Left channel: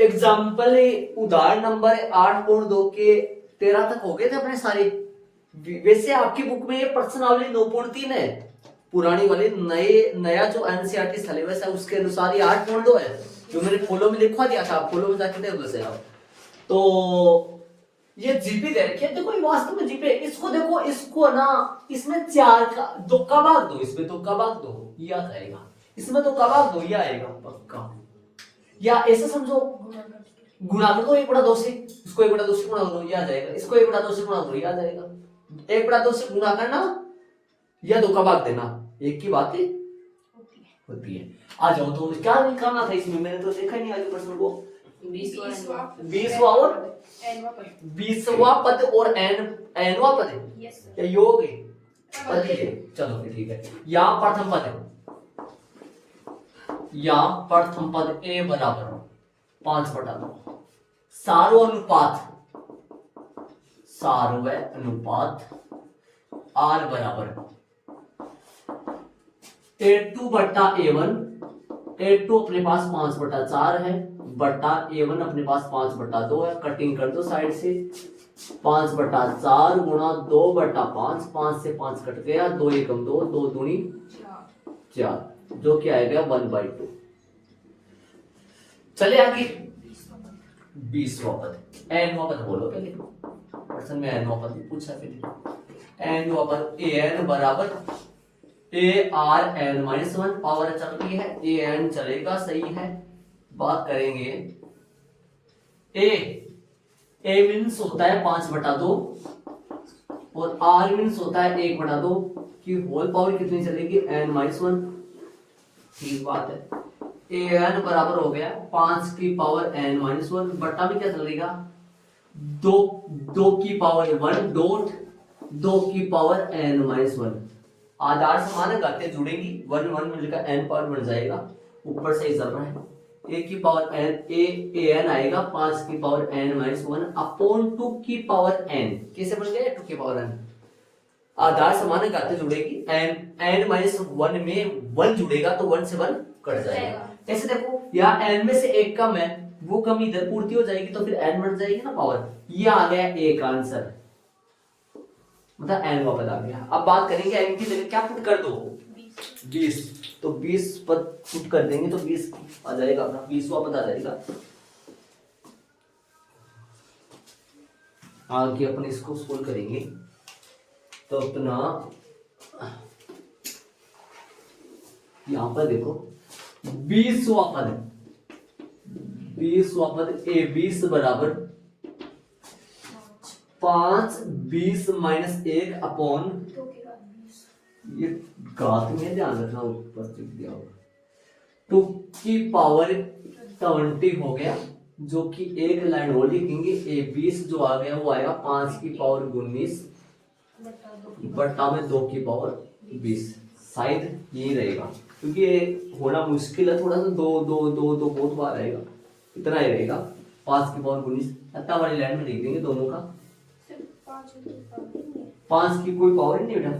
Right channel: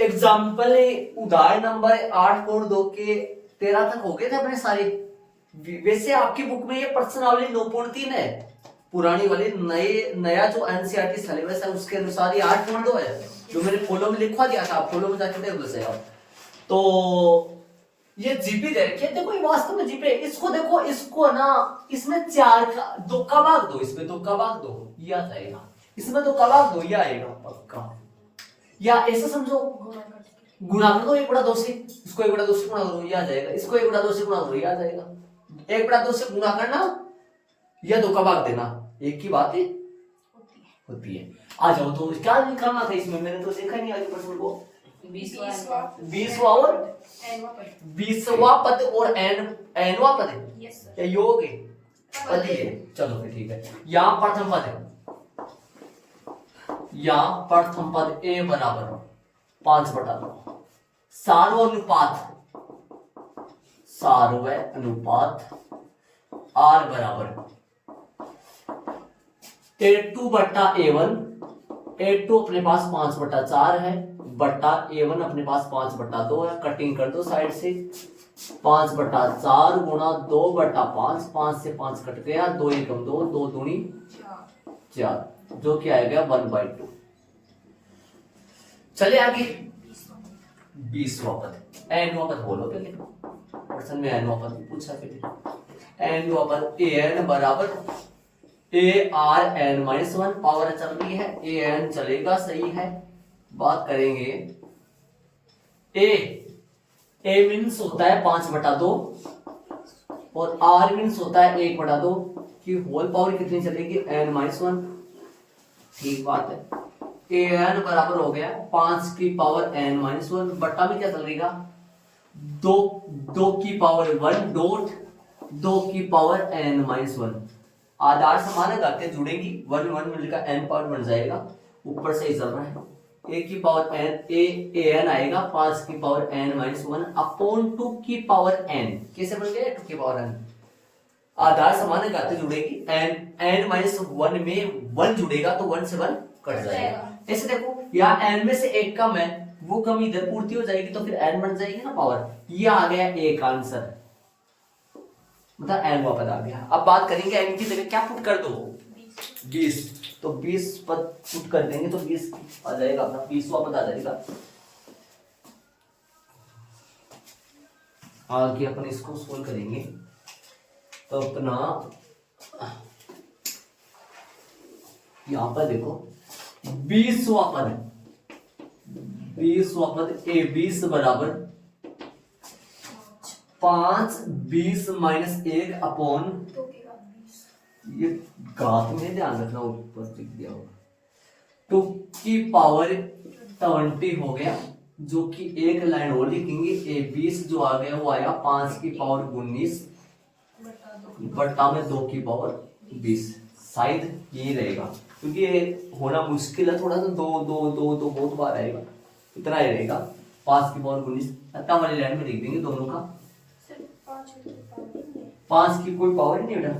Example उदाहरण number 8.2 के 13 तक हो गए थे अपने सारे। वैसे आपकी बुक में ये प्रश्नावली 9.3 है, पुरानी वाली। नया जो एनसीईआरटी सिलेबस है उसके अनुसार ये 8.2 है, जो मैंने फॉलो में लिखवा दिया था। आप फॉलो में जाके देख लो। तो ये जीपी दे रखी है, देखो ये वास्तव में जीपी है। इसको देखो, इसको ना इसमें 4 का 2 का भाग दो, इसमें 2 का भाग दो, ये आ जाएगा। इसमें 2 का भाग दो, ये आएगा पक्का। या ऐसे समझो, गुणा कर दो 1/2 से, इसको 1/2 से गुणा करो, ये आ जाएगा। इसको 1/2 से गुणा करो, ये आ जाएगा। 1/2 से गुणा करना या 2 का भाग देना, एक की बात है होती है। आ जाओ, तो क्या निकालना था इसमें, मैंने तो देखा नहीं आज प्रश्न को। 20वां और 20वां पद और एनवां पद क्या योग है, पद ही है। चलो फिर ठीक है। यहाँ प्रथम पद है, या प्रथम पद ए बराबर 5/9। सार्वय अनुपात आर बराबर A2/A1। A2 अपने पास 5/4 है, बट्टा A1 अपने पास 5/2 है। कटिंग कर दो साइड से, 5/4 गुणा 2/5, 5 से 5 कट गया, 2 एकम 2, 2 दूनी 4, जो कि आएगा 1/2। चले आगे 20वां पद। एनवां पद बोलो पहले, प्रश्न में एनवां पद पूछा फिर। एनवां पद an बराबर ARn-1 पावर चल रही है, an चलेगा, सही है। बात करेंगे a मीन्स होता है 5/2 और r मीन्स होता है 1/2 की होल पावर कितनी चलेगी, n-1। ठीक बात है। an बराबर हो गया 5 की पावर n-1, बट्टा में क्या चलेगा, 2 की पावर 1 डॉट 2 की पावर n-1। आधार समान घातें जुड़ेंगी, 1 1 मिलकर n पावर बन जाएगा। ऊपर से ही चल रहा है, a की पावर n आएगा 5 की पावर n-1 अपॉन 2 की पावर n। कैसे बन गया 2 की पावर n? आधार समान घातें जुड़ेगी, n-1 में 1 जुड़ेगा तो 1 से 1 कट जाएगा। ऐसे देखो, यहाँ n में से 1 कम है, वो कमी इधर पूर्ति हो जाएगी, तो फिर n बन जाएगी ना पावर। ये आ गया एक आंसर, मतलब n वापस आ गया। अब बात करेंगे n की जगह क्या पुट कर दो, 20। तो 20 पद पुट कर देंगे तो 20 आ जाएगा, अपना 20वां पद आ जाएगा। आगे अपन इसको सोल्व करेंगे तो अपना यहां पर देखो 20वां पद a 20 बराबर 5 20 माइनस 1 अपॉन, ये घात में ध्यान रखना, ऊपर लिख दिया होगा, 2 की पावर 20 हो गया, जो कि एक लाइन और लिखेंगे। a 20 जो आ गया वो आया 5 की पावर 19 बट्टा में 2 की पावर 20। शायद यही रहेगा, क्योंकि ये होना मुश्किल है थोड़ा सा, 2 2 2 2 बहुत बार आएगा, इतना ही रहेगा। 5 की पावर 19 अत्ता वाली लाइन में लिख देंगे दोनों का। 5 की कोई पावर ही नहीं बेटा,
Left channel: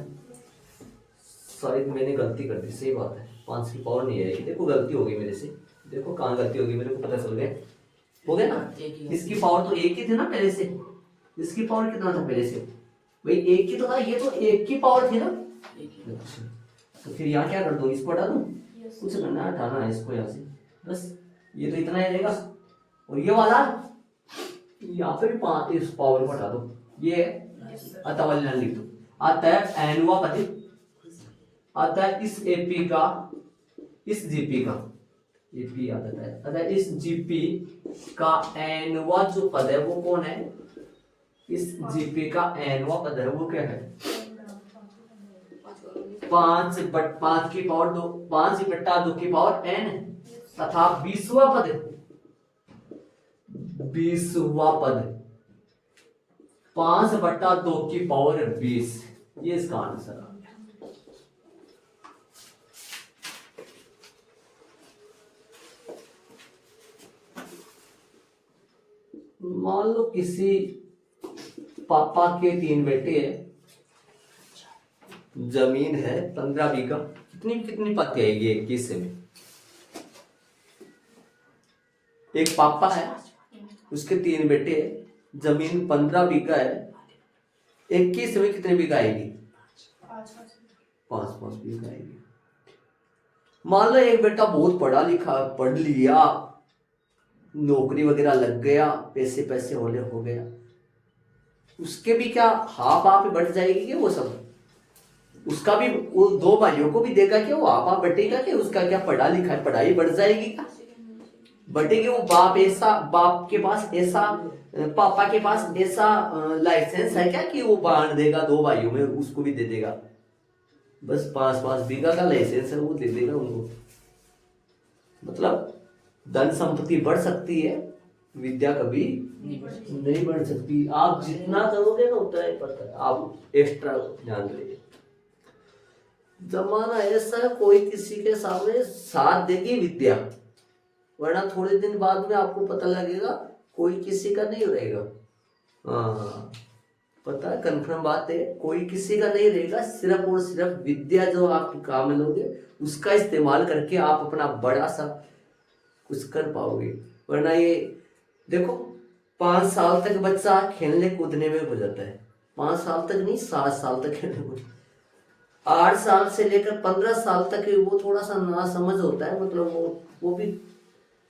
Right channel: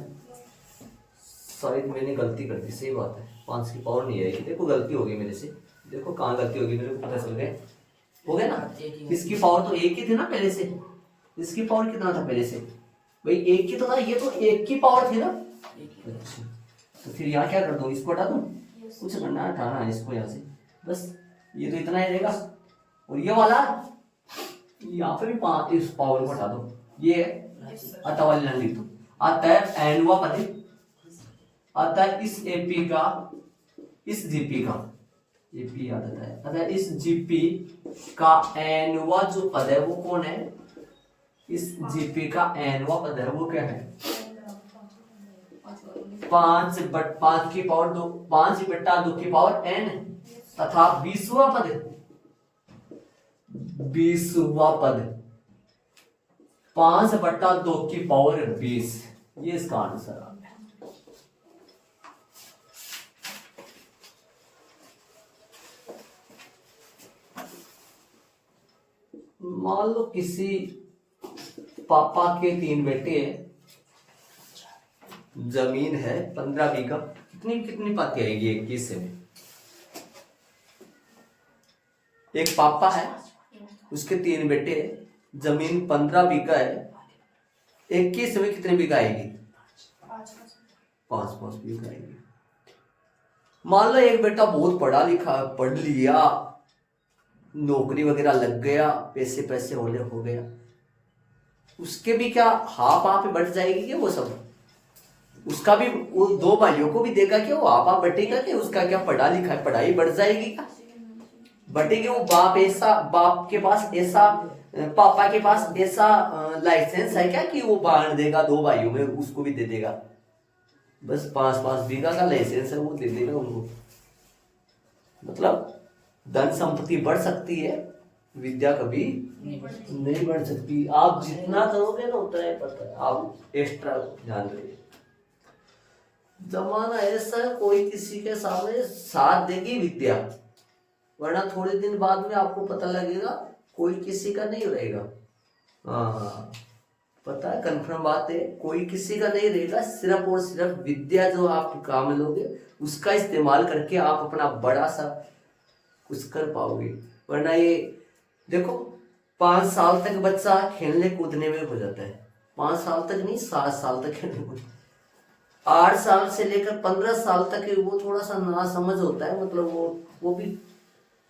शायद मैंने गलती कर दी, सही बात है, 5 की पावर नहीं आएगी। देखो गलती होगी मेरे से, देखो कहाँ गलती होगी, मेरे को पता चल गया, हो गया ना। इसकी पावर तो एक ही थी ना पहले से, इसकी पावर कितना था पहले से, भाई एक की तो था, ये तो एक की पावर थी ना। अच्छा, तो फिर यहाँ क्या कर दूं, इसको हटा दूं, कुछ करना है, हटाना है इसको यहाँ से, बस ये तो इतना ही रहेगा। और ये वाला यहाँ पे भी 5 इस पावर को हटा दो, ये अतः वाली लाइन लिख दो। अतः एनवा पद, अतः इस एपी का, इस जीपी का, एपी याद आता है, अतः इस जीपी का एनवा जो पद है वो कौन है, इस जीपी का एनवा पद है वो क्या है, 5 की पावर 2, 5/2 की पावर n, तथा 20वां पद 5/2 की पावर 20। ये इसका आंसर आ गया। मान लो किसी पापा के 3 बेटे हैं, जमीन है 15 बीघा, कितनी कितनी पाती आएगी 21 से में, एक पापा है, उसके 3 बेटे हैं, जमीन 15 बीघा है। 21 में कितने बीघा आएगी? 5-5 बीघा आएगी। मान लो एक बेटा बहुत पढ़ा लिखा, पढ़ लिया, नौकरी वगैरह लग गया, पैसे पैसे होने हो गया, उसके भी क्या हाफ हाफ बढ़ जाएगी कि वो सब? उसका भी वो 2 भाइयों को भी देगा कि वो हाफ हाफ बटेगा कि उसका क्या पढ़ा लिखा है, पढ़ाई बढ़ जाएगी क्या? बटेगी। वो बाप के पास ऐसा, पापा के पास ऐसा लाइसेंस है क्या कि वो बांट देगा 2 भाइयों में, उसको भी दे देगा? बस 5-5 बीघा का लाइसेंस है, वो दे देगा उनको। मतलब धन संपत्ति बढ़ सकती है, विद्या कभी नहीं बढ़ सकती। आप जितना करोगे ना उतना ही पड़ता है, आप एक्स्ट्रा ध्यान देंगे। जमाना ऐसा है, कोई किसी के सामने साथ देगी विद्या, वरना थोड़े दिन बाद में आपको पता लगेगा कोई किसी का नहीं रहेगा। हाँ, पता है, कंफर्म बात है, कोई किसी का नहीं रहेगा। सिर्फ और सिर्फ विद्या जो आप काम में लोगे उसका इस्तेमाल करके आप अपना बड़ा सा कुछ कर पाओगे। वरना ये देखो, 5 साल तक बच्चा खेलने कूदने में हो जाता है, 5 साल तक नहीं, 7 साल तक खेलने कूद, 8 साल से लेकर 15 साल तक वो थोड़ा सा ना समझ होता है, मतलब वो भी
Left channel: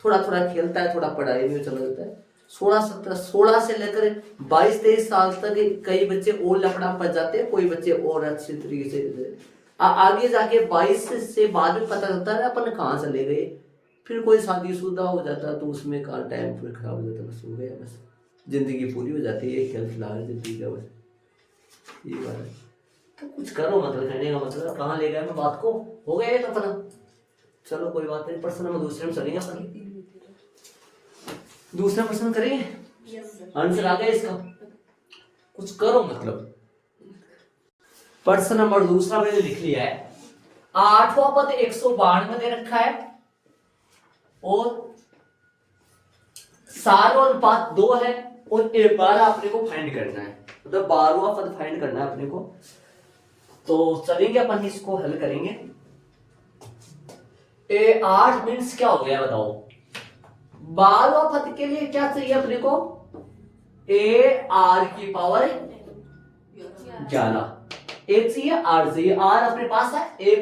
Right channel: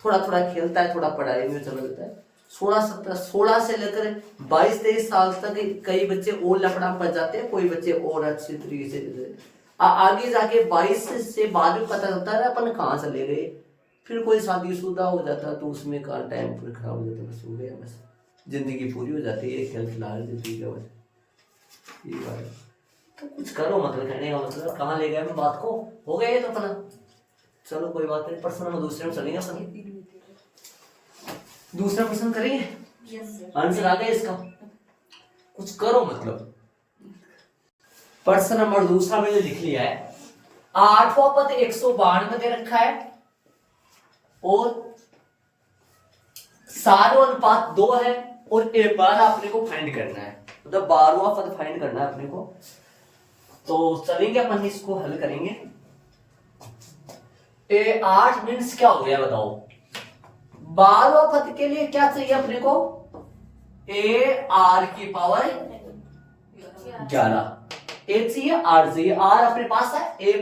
थोड़ा थोड़ा खेलता है, थोड़ा पढ़ाई में चला जाता है। 16 से लेकर 22-23 साल तक कई बच्चे और लफड़ा फंस जाते हैं, कोई बच्चे और अच्छे तरीके से आगे जाके 22 से बाद में पता चलता है अपन कहाँ चले गए। फिर कोई शादीशुदा हो जाता है तो उसमें का टाइम फिर खराब हो जाता है, बस हो गया, बस जिंदगी पूरी हो जाती है, खेल खिला जिंदगी का, बस ये बात है। तो कुछ करो, मतलब कहने का मतलब कहाँ ले गए मैं बात को, हो गया ये तो पता। चलो कोई बात नहीं, प्रश्न नंबर दूसरे में चलेंगे अपन। दूसरा प्रश्न करेंगे, आंसर आ गया इसका, कुछ करो मतलब। प्रश्न नंबर दूसरा मैंने लिख लिया है। 8वां पद 192 दे रखा है और सारों अनुपात 2 है और एक बार अपने को फाइंड करना है, मतलब 12वां पद फाइंड करना है अपने को। तो चलेंगे अपन इसको हल करेंगे। 8 मीन्स क्या हो गया बताओ? 12वां पद के लिए क्या चाहिए अपने को? ए आर की पावर 11, ए चाहिए, आर चाहिए। आर अपने पास है, ए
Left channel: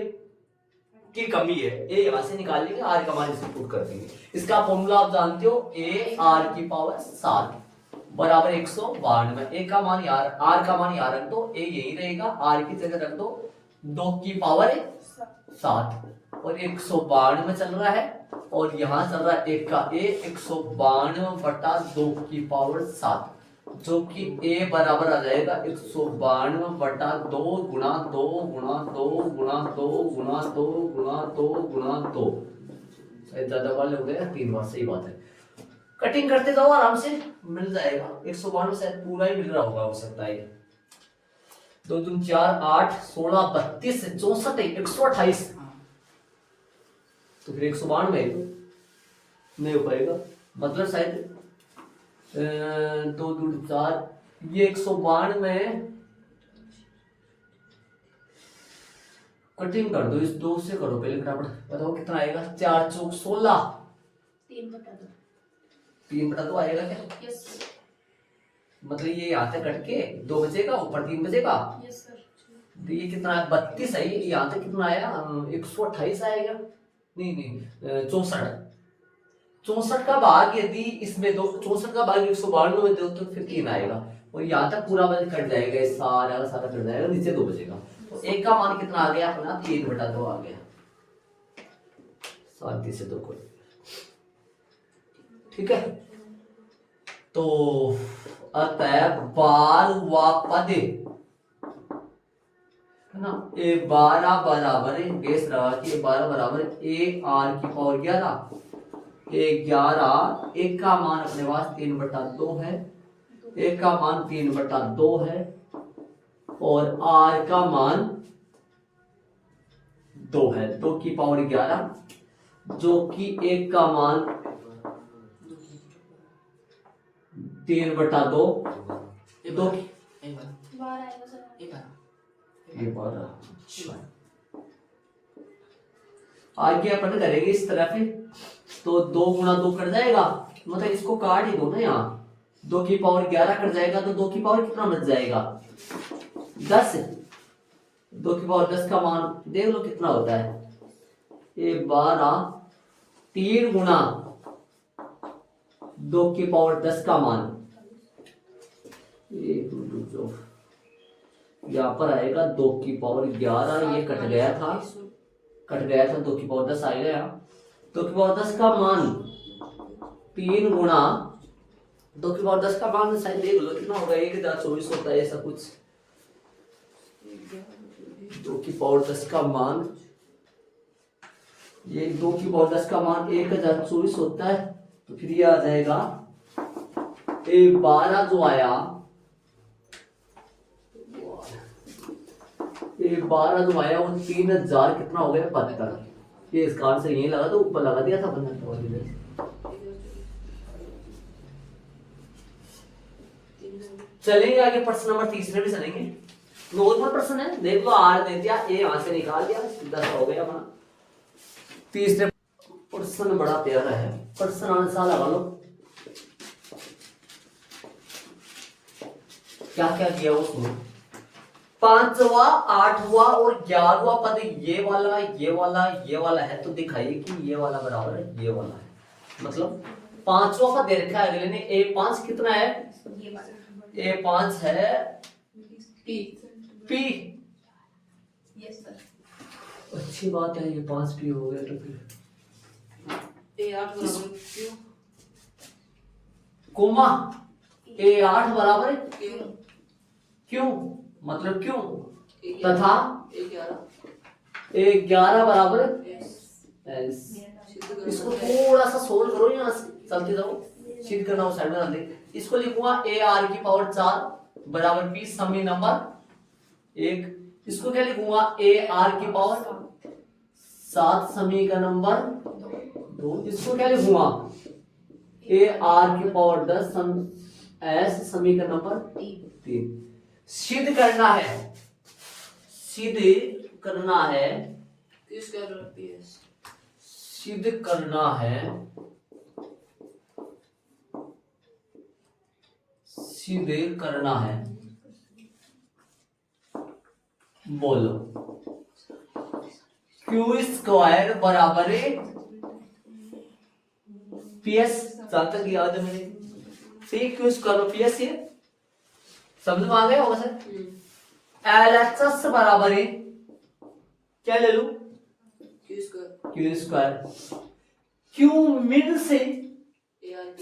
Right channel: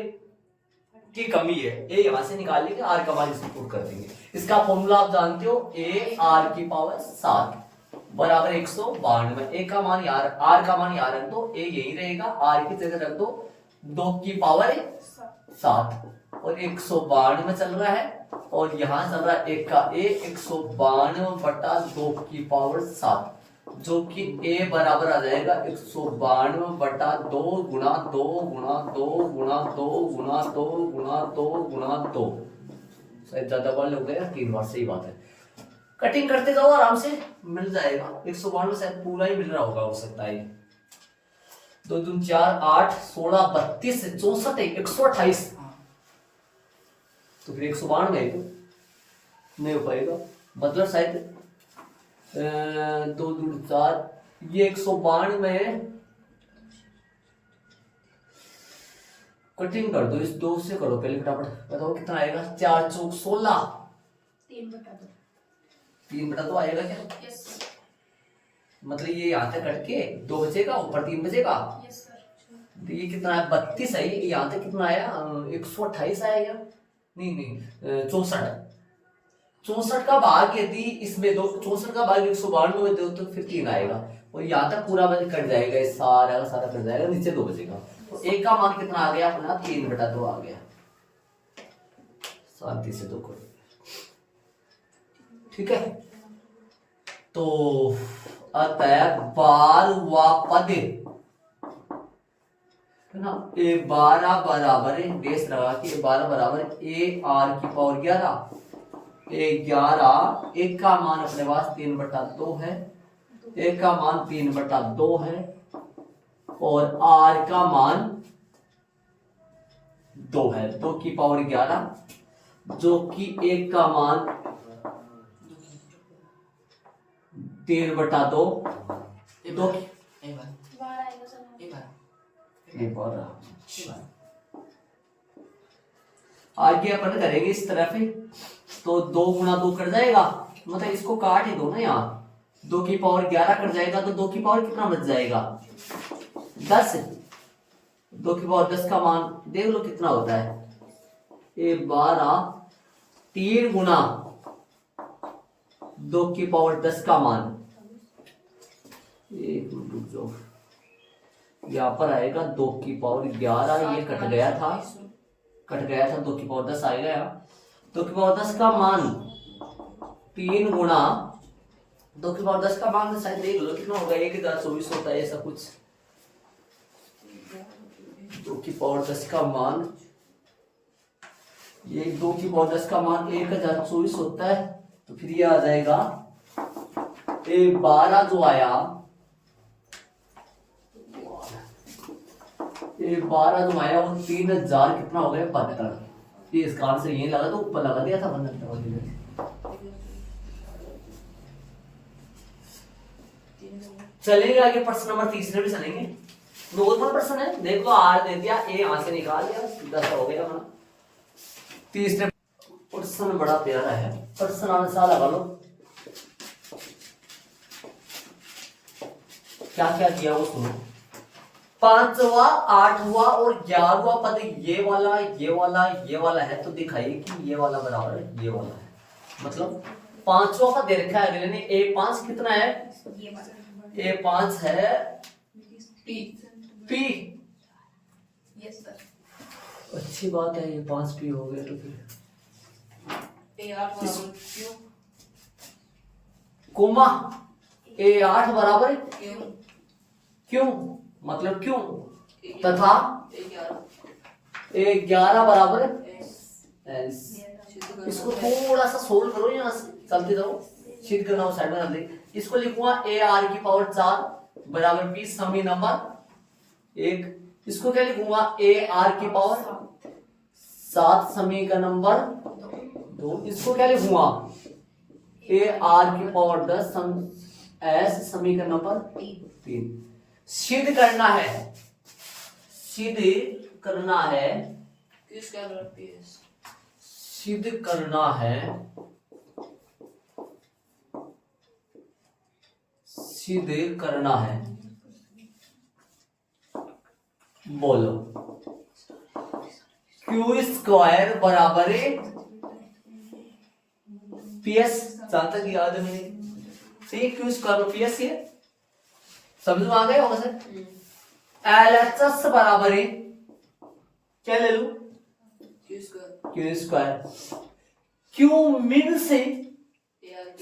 की कमी है, ए यहां से निकाल लेंगे, आर का मान इसमें पुट कर देंगे। इसका फॉर्मूला आप जानते हो, ए आर की पावर 7 बराबर 192। ए का मान यार, आर का मान यार रख दो, ए यही रहेगा, आर की जगह रख दो 2 की पावर 7 और 192 में चल रहा है, और यहां चल रहा है 1 का ए, 192 बटा 2 की पावर 7, जो कि ए बराबर आ जाएगा 192 बटा 2 गुणा 2 गुणा 2 गुणा 2 गुणा 2 गुणा 2 गुणा 2। शायद ज्यादा बार हो गया, 3 बार, सही बात है। कटिंग करते जाओ, आराम से मिल जाएगा। 192 शायद पूरा ही मिल रहा होगा, हो सकता है। 2 दूनी 4, 8, 16, 32, 64, 128, तो फिर 192 है तो नहीं हो पाएगा, मतलब शायद 2 दूनी 4, ये 192 में कटिंग कर दो, इस 2 से करो पहले फटाफट, बताओ कितना आएगा? 4 चौक 16, 3 बटा 2, 3 बटा 2 आएगा क्या? Yes sir. मतलब ये यहाँ तक कट के 2 बचेगा, ऊपर 3 बचेगा, यस सर। तो ये कितना है? 32 है। ये यहाँ तक कितना आया? 128 आएगा, नहीं 64 का भाग यदि इसमें दो, 64 का भाग 192 में दो तो फिर 3 आएगा, और यहाँ तक पूरा बल कट जाएगा, सारा का सारा कट जाएगा, नीचे 2 बचेगा। तो एक का मान कितना आ गया अपना? 3 बटा 2 आ गया, शांति से 2 करो, ठीक है। तो अतः 12वां पद है ना, ए 12 बराबर है, बेस रवा कि 12 बराबर ए आर की पावर 11, ए 11, एक का मान अपने पास 3 बटा 2 है, एक का मान 3 बटा 2 है, और आर का मान 2 है, 2 की पावर 11, जो कि एक का मान 3 बटा 2, 2 आगे अपन करेंगे इस तरह से, तो 2 गुणा 2 कट जाएगा, मतलब इसको काट ही दो ना, यहाँ 2 की पावर 11 कट जाएगा तो 2 की पावर कितना बच जाएगा 10। 2 की पावर 10 का मान देख लो कितना होता है, ये 12 3 गुना 2 की पावर 10 का मान, एक मिनट जो यहाँ पर आएगा 2 की पावर 11, ये कट गया था 2 की पावर 10 आएगा यहाँ। 2 की पावर 10 का मान 3 गुना 2 की पावर 10 का मान शायद देख लो कितना होगा, 1024 होता है ऐसा कुछ। 2 की पावर 10 का मान, ये 2 की पावर 10 का मान 1024 होता है, तो फिर ये आ जाएगा 12 जो आया, ये 12 जो आया वो 3000 कितना हो गया 72। ये इसका आंसर यही लगा तो ऊपर लगा दिया था 15 वाली में। चलेंगे आगे, प्रश्न नंबर तीसरे भी चलेंगे। नॉर्मल प्रश्न है, देख लो आर दे दिया, ए यहां से निकाल दिया, सीधा सा हो गया अपना। तीसरे प्रश्न बड़ा प्यारा है, प्रश्न आंसर लगा लो क्या क्या दिया वो सुनो। 5वां 8वां और 11वां पद ये वाला ये वाला ये वाला है, तो दिखाइए कि ये वाला बराबर है ये वाला है। मतलब 5वां पद दे रखा है अगले ने, A5 कितना है, ये वाला A5 है पी P। Yes sir. अच्छी बात है, ये 5P हो गया, तो फिर A8 बराबर क्यों कोमा A8 बराबर क्यों क्यों, मतलब क्यों, तथा A11 A11 बराबर यस S। इसको थोड़ा सा सोल्व करो, यहाँ से चलते जाओ, सीध करना हो साइड में डाल दे। इसको लिखूंगा AR की पावर 4 बराबर P समी नंबर 1। इसको क्या लिखूंगा AR की पावर 7 समी का नंबर 2। इसको क्या लिखूंगा AR की पावर 10 S समी का नंबर 3। सिद्ध करना है, सिद्ध करना है, किसका पीएस सिद्ध करना है, सिद्ध करना है, बोलो। क्यू स्क्वायर बराबर पीएस, जहां तक याद है मेरे, सही, क्यू स्क्वायर पीएस ये समझ में आ गया होगा सर। LHS बराबर है, क्या ले लूं, क्यू स्क्वायर, क्यू मिन से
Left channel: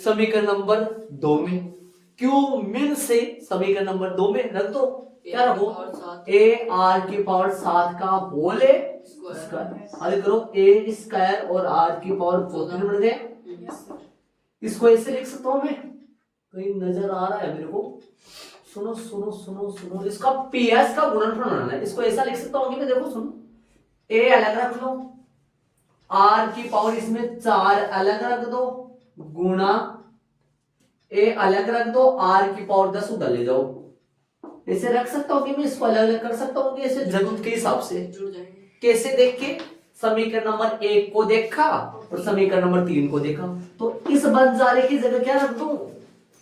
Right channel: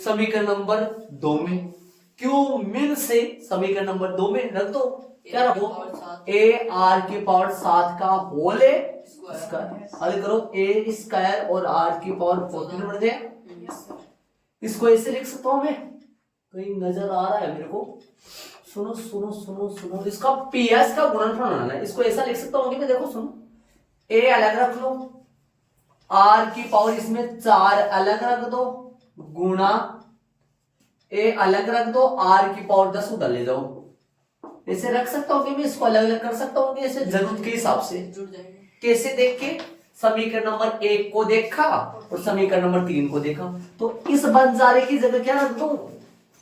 समीकरण नंबर 2 में, क्यू मिन से समीकरण नंबर 2 में रख दो, क्या रखो AR की पावर 7 का होल स्क्वायर, हल करो A स्क्वायर और R की पावर 14 बन गया। इसको ऐसे लिख सकता हूं मैं, कहीं नजर आ रहा है मेरे को, सुनो सुनो सुनो सुनो, इसका पीएस का गुणनफल बनाना है। इसको ऐसा लिख सकता हूँ कि देखो सुनो, ए अलग रख लो, आर की पावर इसमें 4 अलग रख दो, गुणा ए अलग रख दो, आर की पावर 10 उधर ले जाओ। ऐसे रख सकता हूँ कि मैं इसको अलग अलग कर सकता हूँ कि ऐसे जरूरत के हिसाब से। कैसे देख के, समीकरण नंबर 1 को देखा और समीकरण नंबर 3 को देखा, तो इस बंजारे की जगह क्या रख दूं,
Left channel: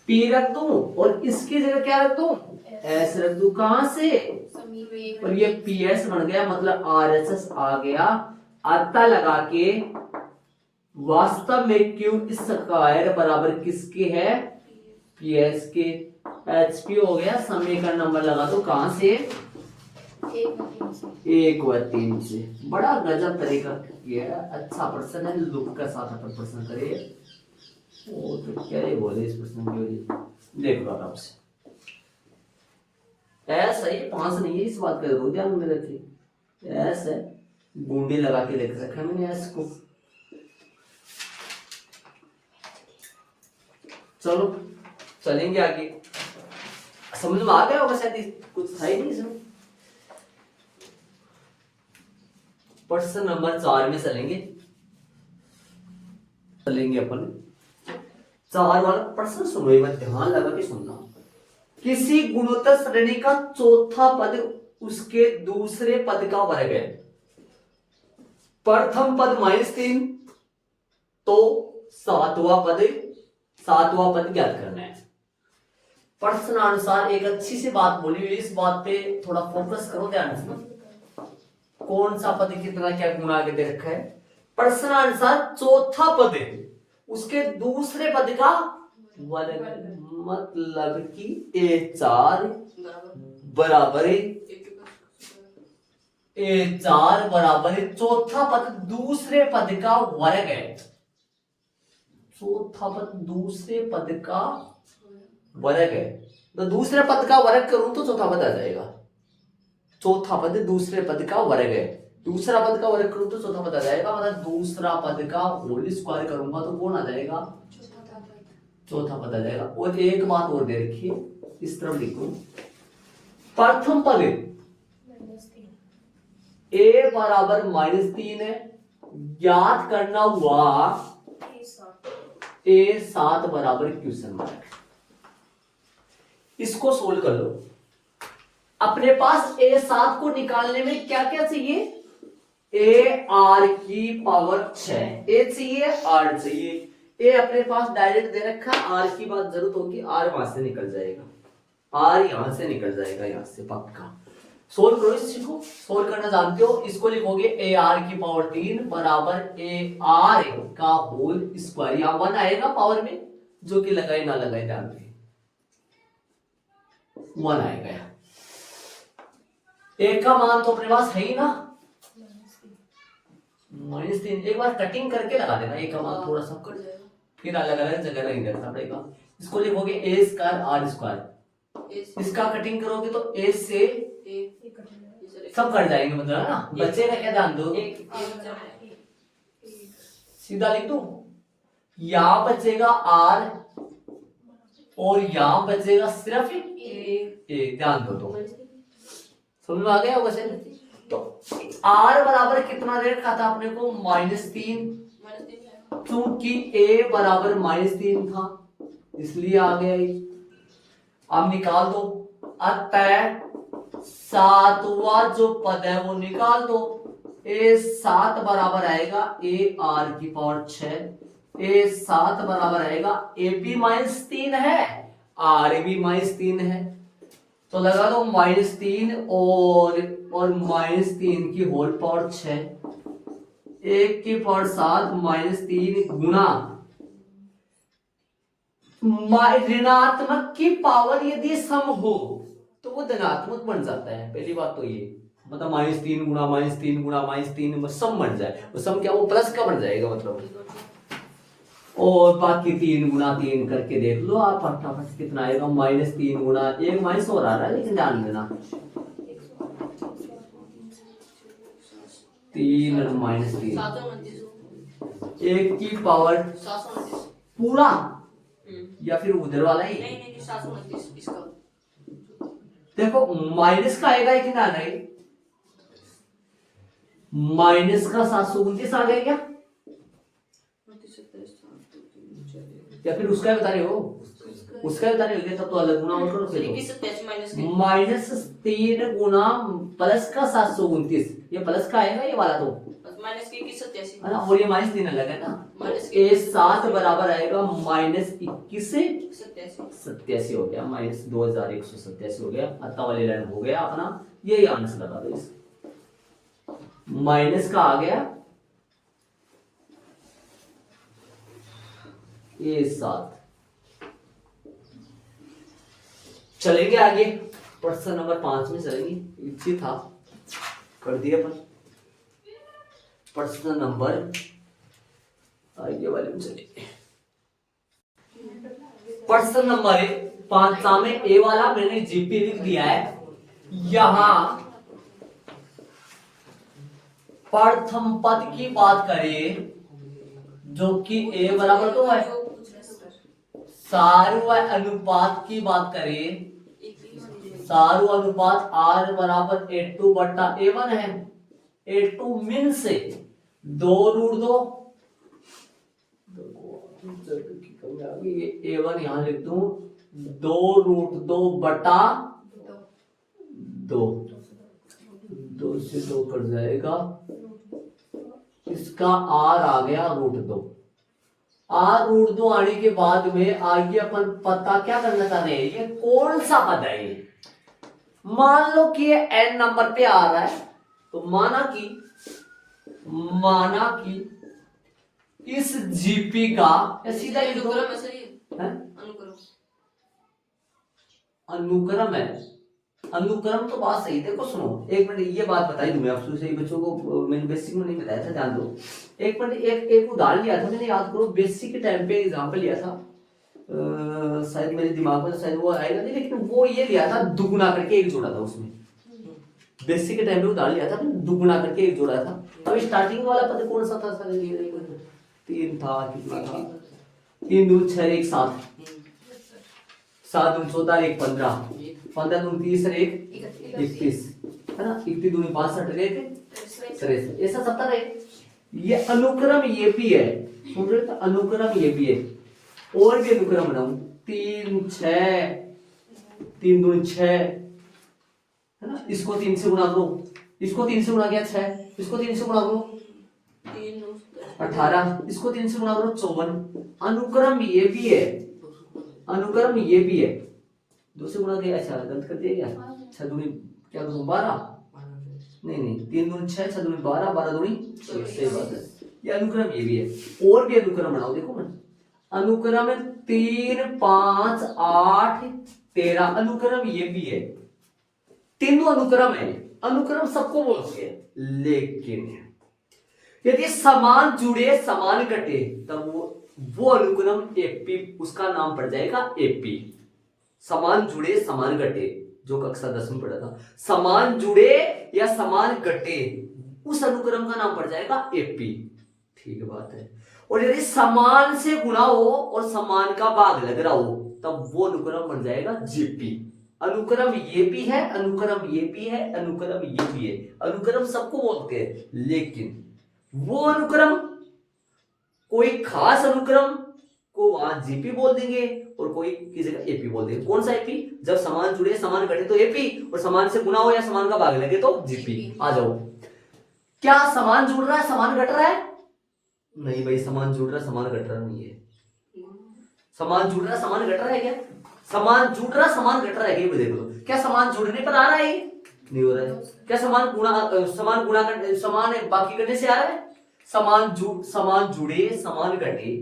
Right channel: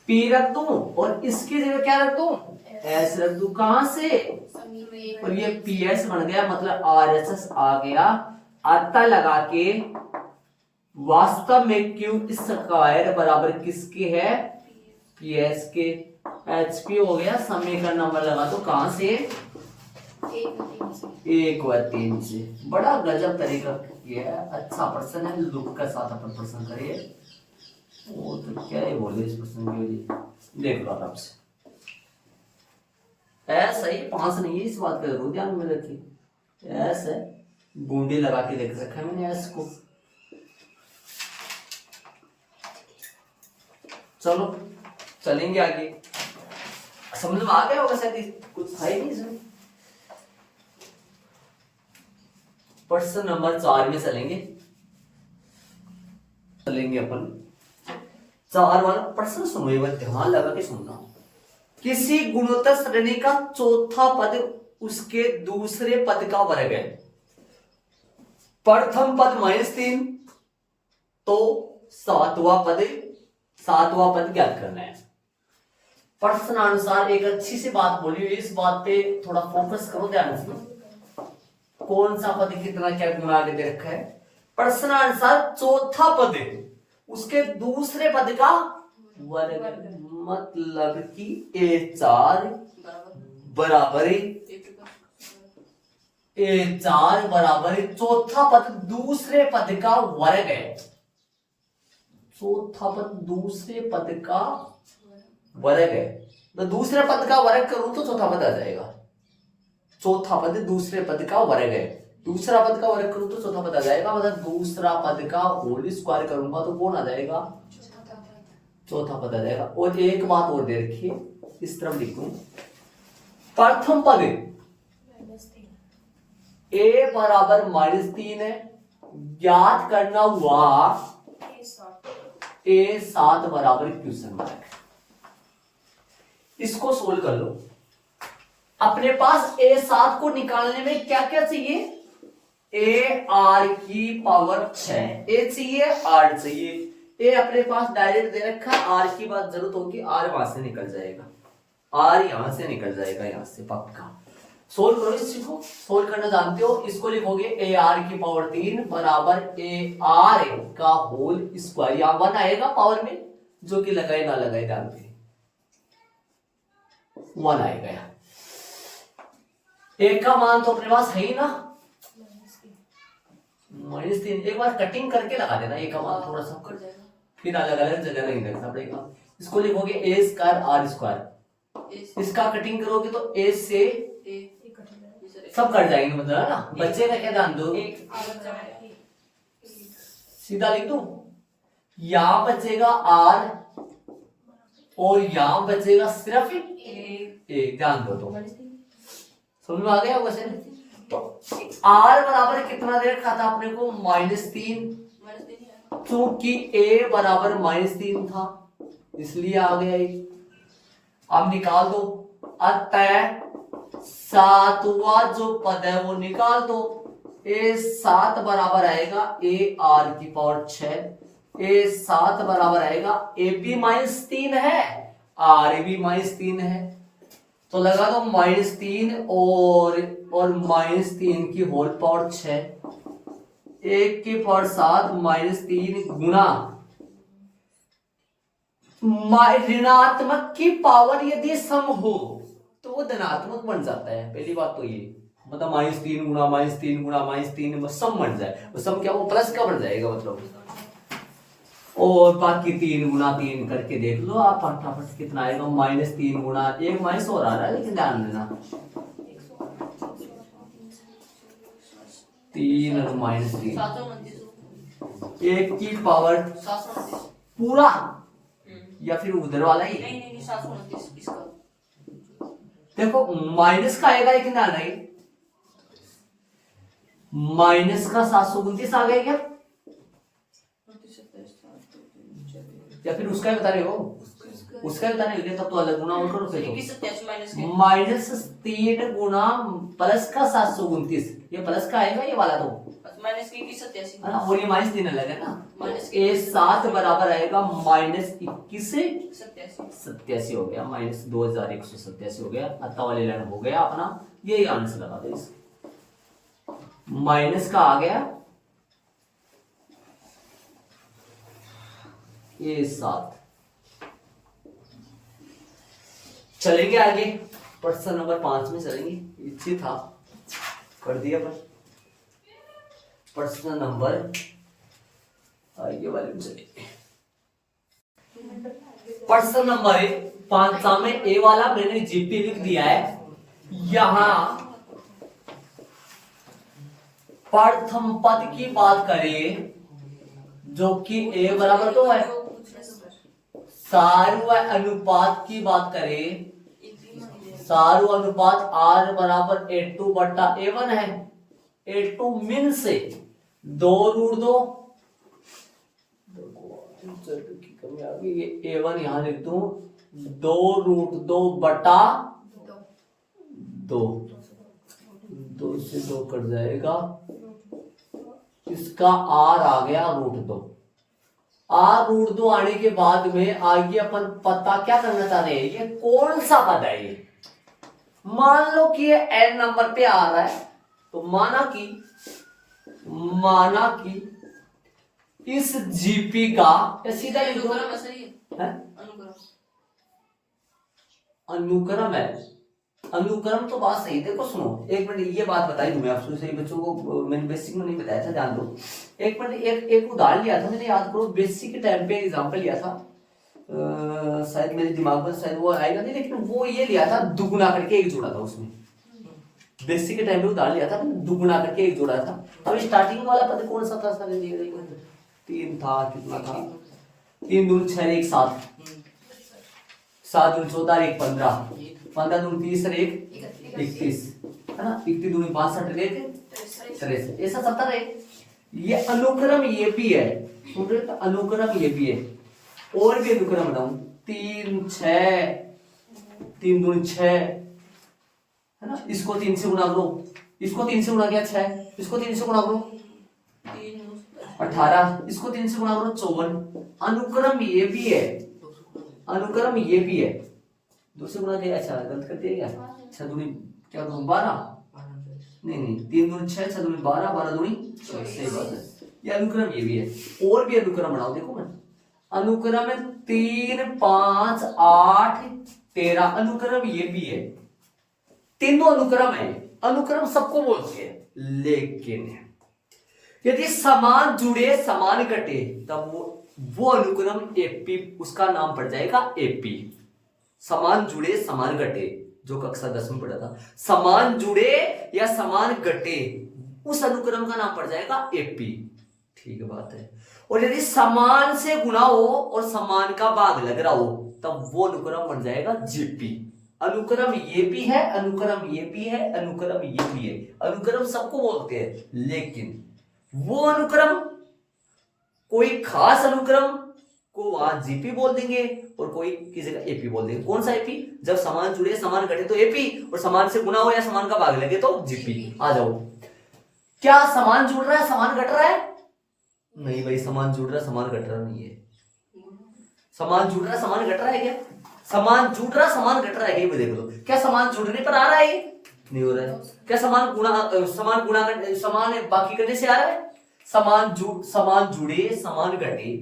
P रख दूं, और इसकी जगह क्या रख दूं, S रख दूं। कहां से, और ये PS बन गया, मतलब RHS आ गया। आता लगा के वास्तव में क्यू स्क्वायर बराबर किसके है, PS के। HP हो गया, समीकरण नंबर लगा दो कहां से, 1 व 3 से। बड़ा गजब तरीका किया, अच्छा प्रश्न है, लुक के साथ अपन प्रश्न करिए। वो तो क्या ही बोले इस प्रश्न की वजह, देख लो आराम से। ऐसा ही 5 नहीं है, इस बात का जरूर ध्यान में रखिए। ऐसा है, गुंडे लगा के देख रखा है मैंने ऐस को। चलो चलेंगे आगे, समझ में आ गया होगा शायद, कुछ है नहीं इसमें। प्रश्न नंबर 4 में चलेंगे अपन। 4 वाला प्रश्न सुनो, एक बार ध्यान लगा के सुनना। किसी गुणोत्तर श्रेणी का चौथा पद उसके दूसरे पद का वर्ग है। प्रथम पद -3 तो 7वां पद सातवां पद ज्ञात करना है। प्रश्नानुसार एक अच्छी सी बात बोली हुई, इस बात पे थोड़ा फोकस करो ध्यान से। कौन सा पद कितना क्या गुणा के दे रखा है। प्रश्नानुसार चौथा पद है उसके दूसरे पद का वर्ग, मतलब कि A4 बराबर A4 बराबर चौथा पद दूसरे पद का वर्ग है। चौथा पद दूसरे पद का वर्ग है, तो दूसरे पद का वर्ग करूं तो चौथा पद आ जाएगा। चौथा पद दूसरे पद का वर्ग है, दूसरा पद का वर्ग करूं तो चौथा पद आ जाएगा, मतलब दूसरा पद का होल स्क्वायर करूंगा तो कौन आ जाएगा, चौथा पद आ जाएगा। और एक बात और दे रखिए, इस तरफ लिखूं, प्रथम पद a बराबर -3 है, ज्ञात करना हुआ A7 बराबर क्वेश्चन मार्क। इसको सोल्व कर लो। अपने पास A7 को निकालने में क्या क्या चाहिए, AR की पावर 6, A चाहिए R चाहिए। A अपने पास डायरेक्ट दे रखा, R की बात जरूरत होगी, R वहां से निकल जाएगा, R यहां से निकल जाएगा, यहां से पक्का। सोल्व करो इस चीज को, सोल्व करना जानते हो। इसको लिखोगे AR की पावर 3 बराबर AR का होल स्क्वायर, यहां 1 आएगा पावर में, जो कि लगाए ना लगाए ध्यान दे, 1 आएगा यहाँ। एक का मान तो अपने पास है ही ना, -3। एक बार कटिंग करके लगा देना, एक का मान थोड़ा सा, फिर अलग अलग जगह नहीं करना पड़ेगा। इसको लिखोगे A स्क्वायर R स्क्वायर, इसका कटिंग करोगे तो A से सब कट जाएंगे, मतलब है ना, बच्चे का क्या ध्यान दो, सीधा लिख दो, यहां बचेगा R और यहां बचेगा सिर्फ A, ध्यान दो। तो समझ में आ गया क्वेश्चन। तो R बराबर कितना दे रखा था अपने को, -3, क्योंकि A बराबर -3 था इसलिए आ गया ये। अब निकाल दो, अतः सातवां जो पद है वो निकाल दो। A7 बराबर आएगा AR की पावर 6, A7 बराबर आएगा AB -3 है, RB -3 है, तो लगा दो -3 और -3 की होल पावर 6, 1 की पावर 7 -3 गुना ऋणात्मक की पावर यदि सम हो तो वो धनात्मक बन जाता है। पहली बात तो ये, मतलब -3 गुना -3 गुना -3 सम बन जाए, वो सम क्या, वो प्लस का बन जाएगा मतलब। और बाकी 3 गुना 3 करके देख लो आप फटाफट कितना आएगा, -3 गुना, एक माइनस और आ रहा है लेकिन ध्यान देना, 3 और -3, 1 की पावर पूरा या फिर उधर वाला ही, नहीं 729 इसका देखो माइनस का आएगा लेकिन ध्यान रहे, माइनस का 729 आ गया क्या, या फिर उसका ही बता रहे हो, उसका ही बता रहे हो, तब तो अलग गुना और करो फिर, -3 गुना प्लस का 729, ये प्लस का आएगा ये वाला तो, है ना, और ये -3 अलग है ना, A7 बराबर आएगा -21 से 87 हो गया, -2187 हो गया, अत्ता वाले लाइन हो गया अपना, यही आंसर लगा दो इस, माइनस का आ गया A7। चलेंगे आगे, प्रश्न नंबर 5 में चलेंगे, इच्छी था कर दिया पर प्रश्न नंबर आगे वाले में चलिए। प्रश्न नंबर 5 में ए वाला मैंने जीपी लिख दिया है। यहां प्रथम पद की बात करें जो कि ए बराबर 2 है, सारू अनुपात की बात करें, सारू अनुपात R बराबर A2 बट्टा A1 है, A2 मिन से 2√2, ये A1 यहां लिख दूं, 2√2 बटा 2, 2 से 2 कट जाएगा, इसका R आ गया √2, आर रूट 2 आने के बाद में आगे अपन पता क्या करना चाह रहे हैं, ये कौन सा पद है ये। मान लो कि ये n नंबर पे आ रहा है, तो माना कि इस जीपी का या सीधा लिख दो, अनुक्रम ऐसा ही है। है? अनुक्रम अनुक्रम है। अनुक्रम तो बात सही। देखो सुनो एक मिनट, ये बात बताई दूं मैं आपसे, सही बच्चों को मैंने बेसिक में नहीं बताया था, ध्यान दो। एक मिनट, एक उदाहरण लिया था मैंने, याद करो, बेसिक के टाइम पे एग्जांपल लिया था, शायद मेरे दिमाग में शायद वो आएगा नहीं, लेकिन वो ये लिया था, दुगुना करके एक जोड़ा था उसमें। बेसिक के टाइम पे उदाहरण लिया था, दुगुना करके एक जोड़ा था। अब स्टार्टिंग वाला पद कौन सा था सर? ये देखो, 3 था, कितना था, 3 दूनी 6 1 7, 7 दूनी 14 1 15, 15 दूनी 30 1 31, है ना, 31 दूनी 62 1 63, ऐसा 70 है। ये अनुक्रम ये भी है, सुन रहे हो? तो अनुक्रम ये भी है, और भी अनुक्रम बनाऊं, 3 6, 3 दूनी 6, है ना, इसको 3 से गुणा करो, इसको 3 से गुणा किया 6, इसको 3 से गुणा करो 18, इसको 3 से गुणा करो 54। अनुक्रम ये भी है, अनुक्रम ये भी है, 2 से गुणा किया, अच्छा गलत कर दिया क्या, 6 दूनी क्या दूनी 12, नहीं 3 दूनी 6, 6 दूनी 12, 12 दूनी, सही बात है। ये अनुक्रम ये भी है, और भी अनुक्रम बनाओ, देखो मैं, अनुक्रम 3 5 8 13, अनुक्रम ये भी है, तीनों अनुक्रम है। अनुक्रम सबको बोलते हैं, लेकिन यदि समान जुड़े समान घटे तब वो अनुक्रम एपी, उसका नाम पड़ जाएगा एपी। समान जुड़े समान घटे, जो कक्षा 10 में पढ़ा था, समान जुड़े या समान घटे, उस अनुक्रम का नाम पड़ जाएगा एपी। ठीक बात है। और यदि समान से गुणा हो और समान का भाग लग रहा हो तब वो अनुक्रम बन जाएगा जीपी। अनुक्रम ये भी है, अनुक्रम ये भी है, अनुक्रम ये भी है। अनुक्रम सबको बोलते हैं, लेकिन वो अनुक्रम, कोई खास अनुक्रम को वहां जीपी बोल देंगे और कोई किसी का एपी बोल देंगे। कौन सा एपी? जब समान जुड़े समान घटे तो एपी, और समान से गुणा हो या समान का भाग लगे तो जीपी। आ जाओ, क्या समान जुड़ रहा है समान घट रहा है? नहीं भाई, समान जुड़ रहा समान घट रहा नहीं है। समान जुड़ रहा समान घट रहा है क्या? समान जुड़ रहा समान घट रहा है क्या? देख लो, क्या समान जुड़ने पर आ रहा है? नहीं हो रहा है। क्या समान समान बाकी घटे से आ रहा है? समान जुड़े समान घटे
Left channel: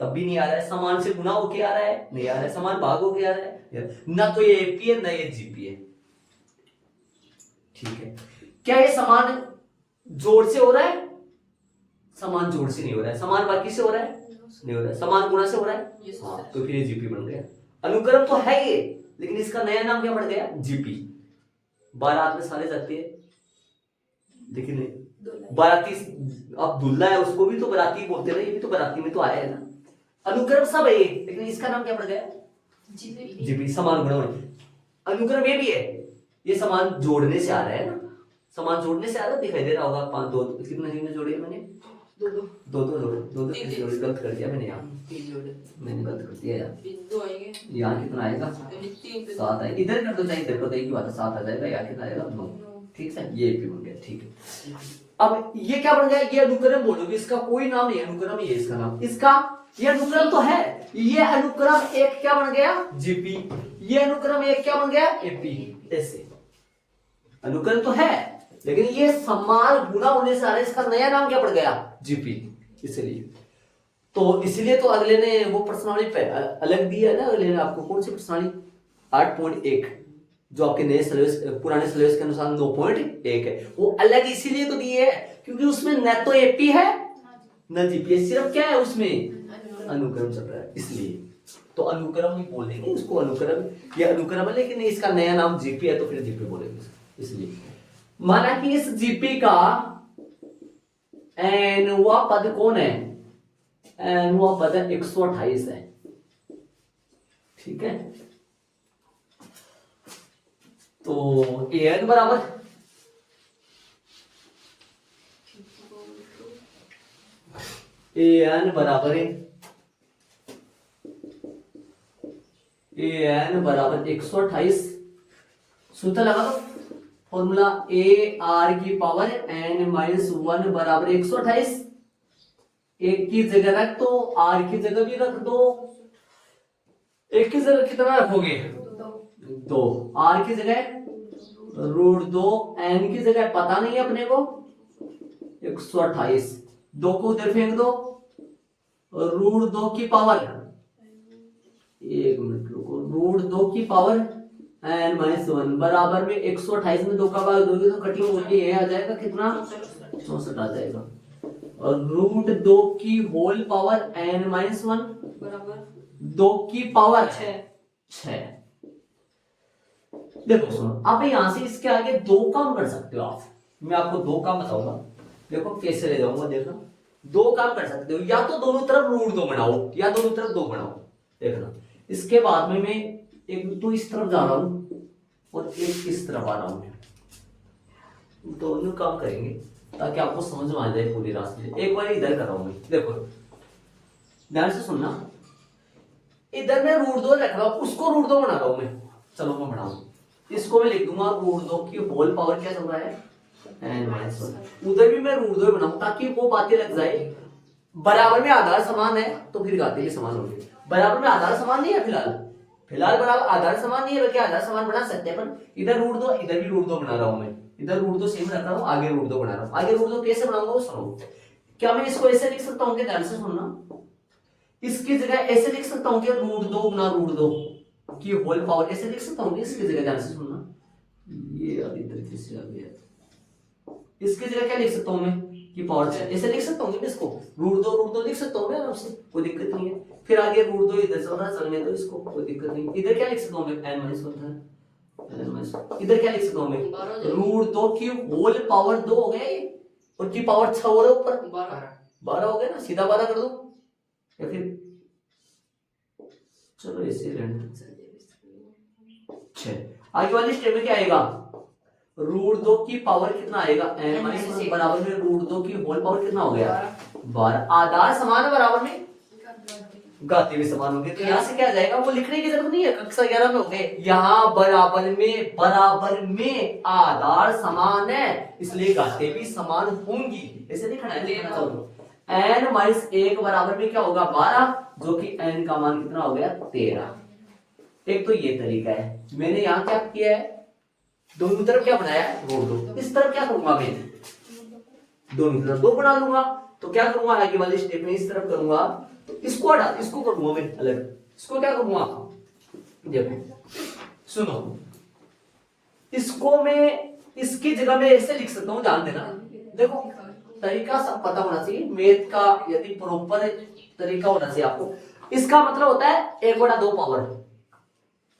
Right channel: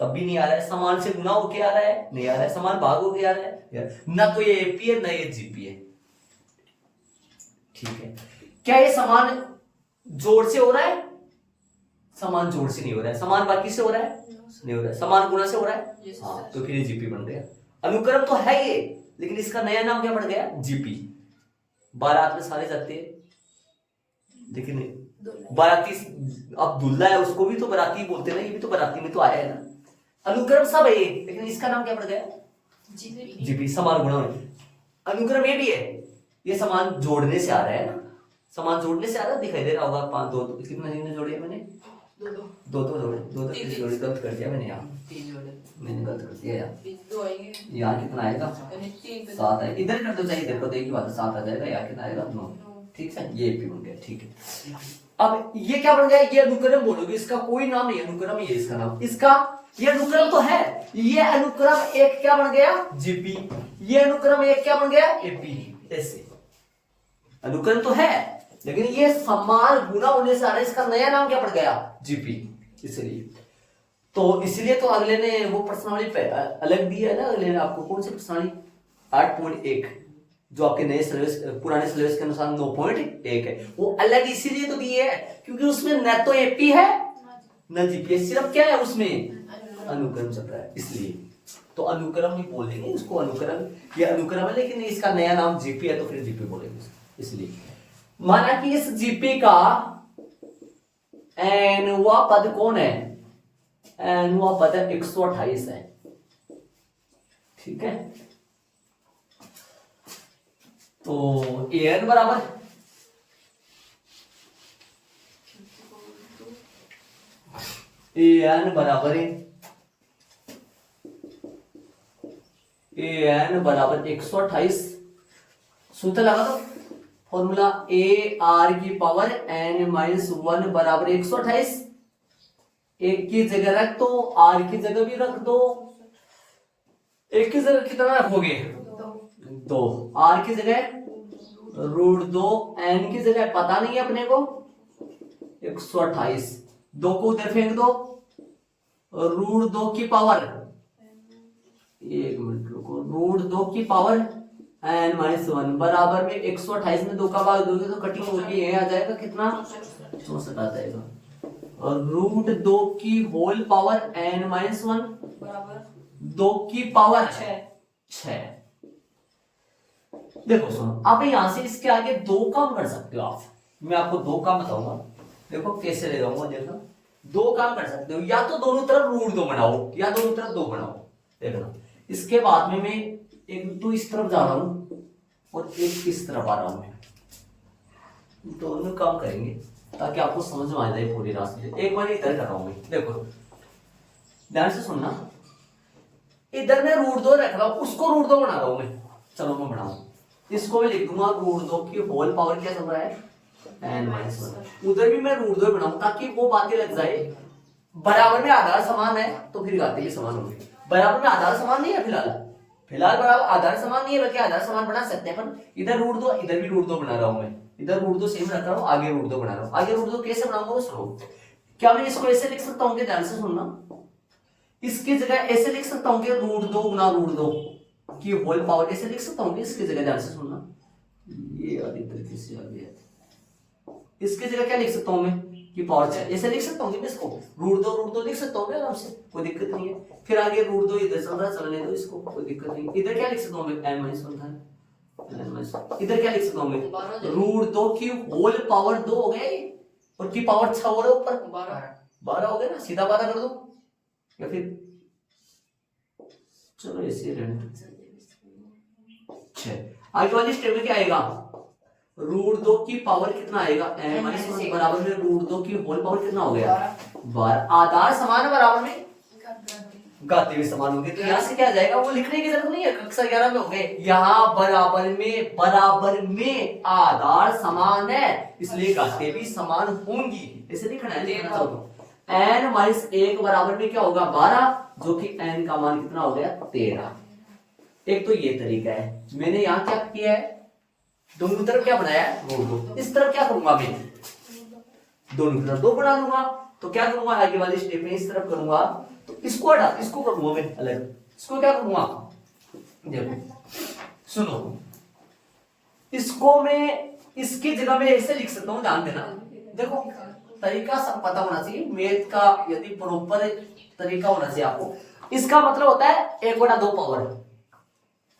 तब भी नहीं आ रहा है। समान से गुणा होके आ रहा है? नहीं आ रहा है। समान भाग होके आ रहा है? न तो ये एपी है न ये जीपी है। ठीक है, क्या ये समान जोड़ से हो रहा है? समान जोड़ से नहीं हो रहा है। समान बाकी से हो रहा है? नहीं हो रहा है। समान गुणा से हो रहा है? हाँ, तो फिर ये जीपी बन गया। अनुक्रम तो है ये, लेकिन इसका नया नाम क्या पड़ गया? जीपी। बारात में सारे जाते हैं, लेकिन बाराती, अब दुल्हा है उसको भी तो बाराती बोलते ना, ये भी तो बाराती में तो आया है ना। अनुक्रम सब है, लेकिन इसका नाम क्या पड़ गया? जीपी। समान गुणा में अनुक्रम ये भी है, ये समान जोड़ने से आ रहा है ना, समान जोड़ने से आ रहा है, दिखाई दे रहा होगा। 5 2 कितने जोड़े मैंने? दो जोड़े गलत कर दिया मैंने, यहाँ 3 जोड़े मैंने गलत कर दिया यार। यहाँ कितना आएगा? 7 है। इधर कर दो, चाहिए इधर कर दो, एक ही बात है, 7 आ जाएगा। यहाँ कितना आएगा? 9। ठीक है, ये भी बन गया। ठीक है, अब ये क्या बन गया? ये अनुक्रम बोलोगे, इसका कोई नाम नहीं, अनुक्रम ही है इसका नाम। इसका ये अनुक्रम तो है, ये अनुक्रम एक क्या बन गया? जीपी। ये अनुक्रम एक क्या बन गया? एपी। ऐसे अनुक्रम तो है, लेकिन ये समान गुणा होने से आ रहा है, इसका नया नाम क्या पड़ गया? जीपी। इसलिए तो अगले ने वो प्रश्नावली अलग दी है ना। अगले ने आपको कौन सी प्रश्नावली? 8.1, जो आपके नए सिलेबस पुराने सिलेबस के अनुसार 9.1 है, वो अलग इसीलिए तो दी है क्योंकि उसमें न तो एपी है न जीपी है, सिर्फ क्या है उसमें? अनुक्रम चल रहा है, इसलिए तो अनुक्रम ही बोलेंगे उसको। अनुक्रम, ये अनुक्रम है, लेकिन इसका नया नाम जीपी है, तो फिर जीपी बोलेंगे। इसलिए माना कि इस जीपी का एनवा पद कौन है? एनवा पद 128 है। ठीक है, तो एन बराबर एन बराबर 128। सूत्र लगा दो, फॉर्मूला ए आर की पावर n -1 बराबर 128। एक की जगह रख दो, आर की जगह भी रख दो। एक की जगह कितना रखोगे? 2। आर की जगह √2, एन की जगह पता नहीं है अपने को 128। 2 को उधर फेंक दो, √2 की पावर, 1 मिनट रुको, √2 की पावर n-1 बराबर में 128 में 2 का भाग दोगे तो कटिंग होगी, ये आ जाएगा कितना? 64 आ जाएगा। और √2 की होल पावर n-1 बराबर 2 की पावर 6। देखो सुनो, आप यहां से इसके आगे 2 काम कर सकते हो आप। मैं आपको 2 काम बताऊंगा, देखो कैसे ले जाऊंगा। देखो 2 काम कर सकते हो, या तो दोनों तरफ √2 बनाओ या दोनों तरफ 2 बनाओ। देखना, इसके बाद में मैं एक तो इस तरफ जा रहा हूं और एक इस तरफ आ रहा हूं। मैं दोनों काम करेंगे ताकि आपको समझ में आ जाए पूरी रास्ते। एक बार इधर कर रहा हूं मैं, देखो ध्यान से सुनना। इधर मैं √2 रख रहा हूं, उसको √2 बना रहा हूं मैं। चलो मैं बनाऊं, इसको मैं लिख दूंगा √2 की होल पावर क्या चल रहा है n-1। उधर भी मैं √2 बनाऊं ताकि वो बातें लग जाए। बराबर में आधार समान है तो फिर घाते भी समान होंगे। बराबर में आधार समान नहीं है फिलहाल बराबर आधार समान नहीं है, बल्कि आधार समान बना सकते हैं। पर इधर √2 इधर भी √2 बना रहा हूं मैं, इधर √2 सेम रख रहा हूं, आगे √2 बना रहा हूं। आगे √2 कैसे बनाऊंगा वो सुनो। क्या मैं इसको ऐसे लिख सकता हूं कि ध्यान से सुनना, इसकी जगह ऐसे लिख सकता हूं कि √2 गुना √2 की होल पावर, ऐसे लिख सकता हूं कि इसकी जगह, ध्यान से सुनना, ये अभी तरीके से आ गया। इसकी जगह क्या लिख सकता हूं मैं कि पावर 6, ऐसे लिख सकता हूं कि मैं इसको √2 लिख सकता हूं मैं आराम से, कोई दिक्कत नहीं है। फिर आगे √2 इधर चल रहा है, चलने दो इसको, कोई दिक्कत नहीं। इधर क्या लिख सकता हूं मैं n-1 था, इधर क्या लिख सकता हूं मैं √2 की होल पावर 2 हो गए और की पावर 6 हो रहा है ऊपर 12 हो गए ना, सीधा 12 कर दो। या फिर चलो ऐसे रहने, 6। आगे वाली स्टेप में क्या आएगा, √2 की पावर कितना आएगा n-1 बराबर में √2 की होल पावर कितना हो गया 12। आधार समान है, बराबर में घाते भी समान होंगे। तो यहाँ से क्या जाएगा, वो लिखने की जरूरत नहीं है, कक्षा 11 में हो गए। यहाँ बराबर में आधार समान है इसलिए घाते भी समान होंगी, ऐसे लिखना है। n-1 बराबर में क्या होगा 12, जो कि n का मान कितना हो गया 13। एक तो ये तरीका है। मैंने यहाँ क्या किया है, दोनों तरफ क्या बनाया है √2। इस तरफ क्या करूंगा मैं, दोनों तरफ 2 बना लूंगा। तो क्या करूंगा आगे वाले स्टेप में, इस तरफ करूंगा, इसको हटा, इसको करूंगा मैं अलग। इसको क्या करूंगा, देखो सुनो, इसको मैं इसकी जगह में ऐसे लिख सकता हूं, ध्यान देना। देखो तरीका सब पता होना चाहिए मैथ का, यदि प्रॉपर तरीका होना चाहिए आपको। इसका मतलब होता है 1/2 पावर,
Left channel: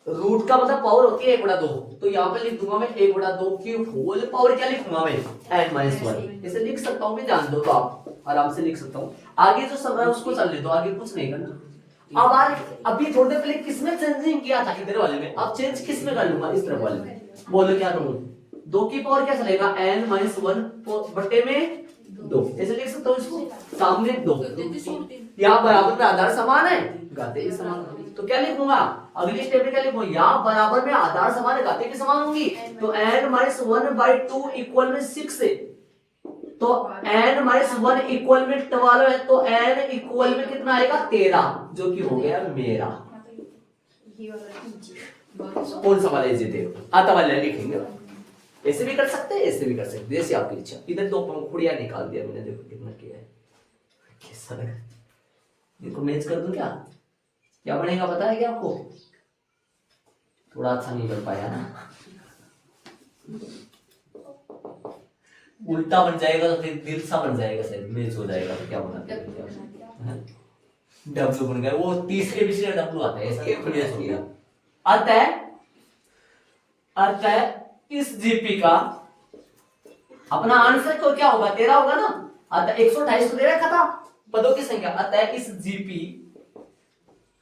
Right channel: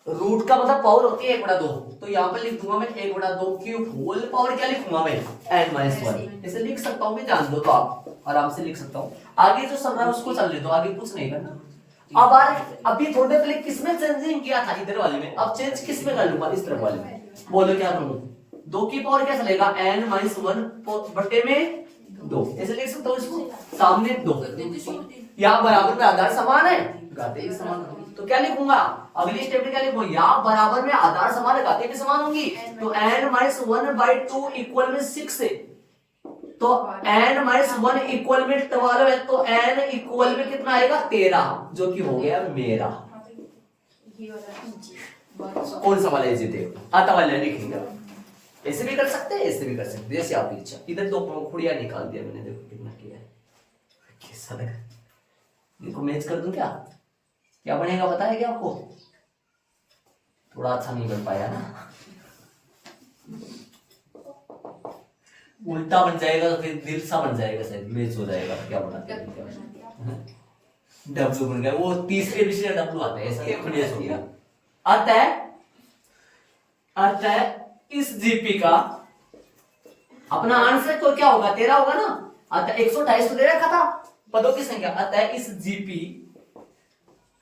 रूट का मतलब पावर होती है 1/2। तो यहाँ पे लिख दूंगा मैं 1/2 की होल पावर, क्या लिखूंगा मैं n-1। इसे लिख सकता हूँ, ध्यान दो तो आप आराम से लिख सकता हूँ। आगे जो चल रहा है उसको चल ले दो, आगे कुछ नहीं करना। अब अभी थोड़े पहले किसमें चेंजिंग किया था, इधर वाले में, अब चेंज किसमें कर लूंगा, इस तरफ वाले में। बोलो क्या करूं, 2 की पावर क्या चलेगा n-1 बटे में 2, ऐसे लिख सकता हूँ इसको, सामने 2। यहाँ बराबर में आधार समान है, घाते भी समान। तो क्या लिखूंगा, अगली स्टेप में क्या लिखूंगा, यहाँ बराबर में आधार समान है, घाते भी समान होंगी। तो n-1/2 इक्वल में 6 है, तो n-1 इक्वल में 12 है, तो n इक्वल में कितना आएगा 13, जो कि हो गया मेरा। कौन सा वाला इजी आता वाले लिखेंगे, ऐसे भी कर सकते हैं, ऐसे भी कर सकते हैं, जैसे आपकी इच्छा। इधर 2 पंखुड़ियां निकाल दिया मैंने, देखो कितना किया है, कैसा लगा। देखो मैच कर दूं क्या बनेगा पता है क्या आपको, थोड़ा अच्छा नहीं बन पाया ना, उल्टा बन जाएगा तो फिर दिल सा बन जाएगा, शायद मैच हो जाएगा, क्या पता। डब्लू बन गया, वो तीसरे विषय डब्लू आता है, ऐसा मैच हो गया। अतः इस जीपी का अपना आंसर तो क्या होगा 13 होगा ना। अतः 128 तो दे रखा था पदों की संख्या। अतः इस जीपी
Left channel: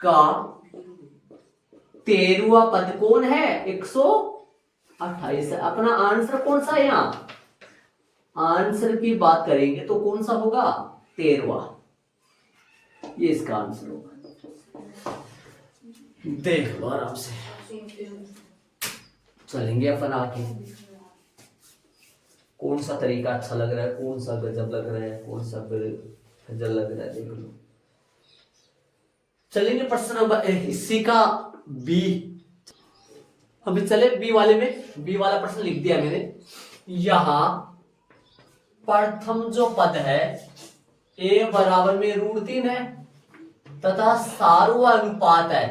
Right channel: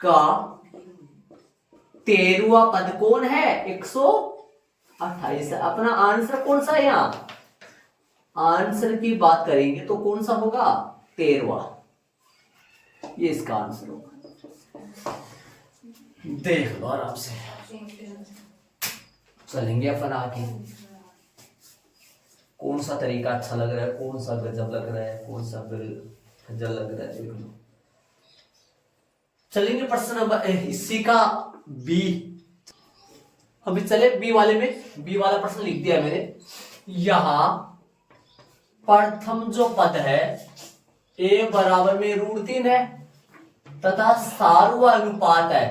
का 13वां पद कौन है 128 है। अपना आंसर कौन सा है, यहाँ आंसर की बात करेंगे तो कौन सा होगा 13वां, ये इसका आंसर होगा। देख लो आराम से, चलेंगे अपन आगे। कौन सा तरीका अच्छा लग रहा है, कौन सा गजब लग रहा है, कौन सा फिर जल लग रहा है देख लो। चलेंगे प्रश्न नंबर इसी का बी। अभी चले बी वाले में। बी वाला प्रश्न लिख दिया मैंने। यहां प्रथम जो पद है ए बराबर में √3 है तथा सार्व अनुपात है।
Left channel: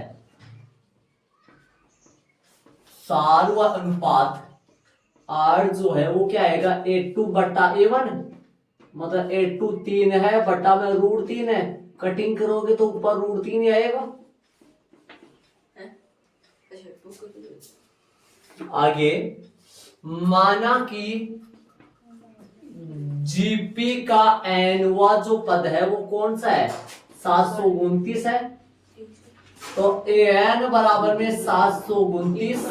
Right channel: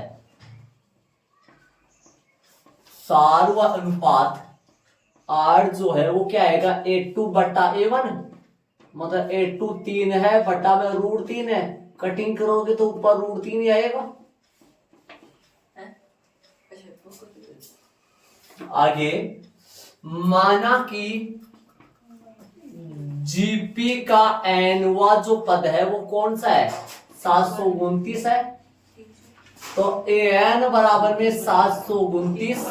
सार्व अनुपात R जो है वो क्या आएगा A2 बट्टा A1, मतलब A2 3 है बट्टा में √3 है। कटिंग करोगे तो ऊपर √3 ही आएगा। आगे माना कि जीपी का एनवा जो पद है वो कौन सा है 729 है। तो एन बराबर में 729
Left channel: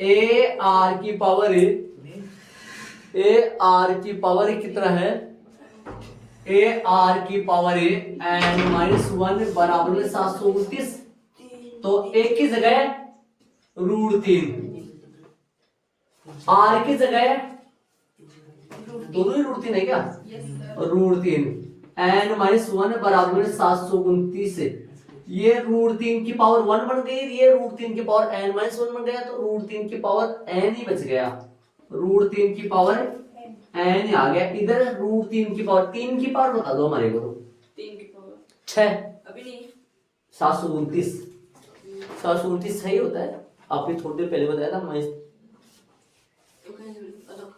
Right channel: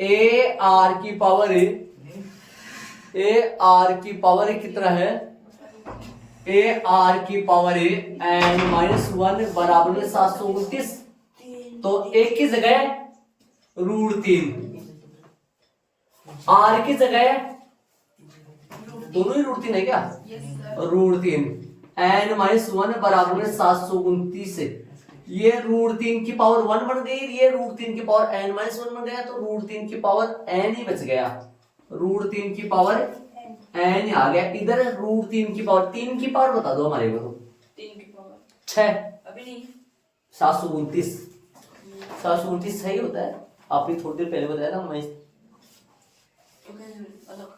ए आर की पावर कितना है ए आर की पावर n-1 बराबर में 729। तो एक की जगह √3, आर की जगह दोनों ही √3 है क्या √3 n-1 बराबर में 729। ये √3 की पावर 1 बन गई, ये √3 की पावर n-1 बन गया। तो √3 की पावर n ही बच गया, √3 की पावर n आ गया। इधर √3 की पावर 3 की पावर बता दो हमारे को। तो 3 की पावर 6 अभी नहीं 729 729 सही होता है। आपने थोड़ी देर पहले बताया था मैं अलग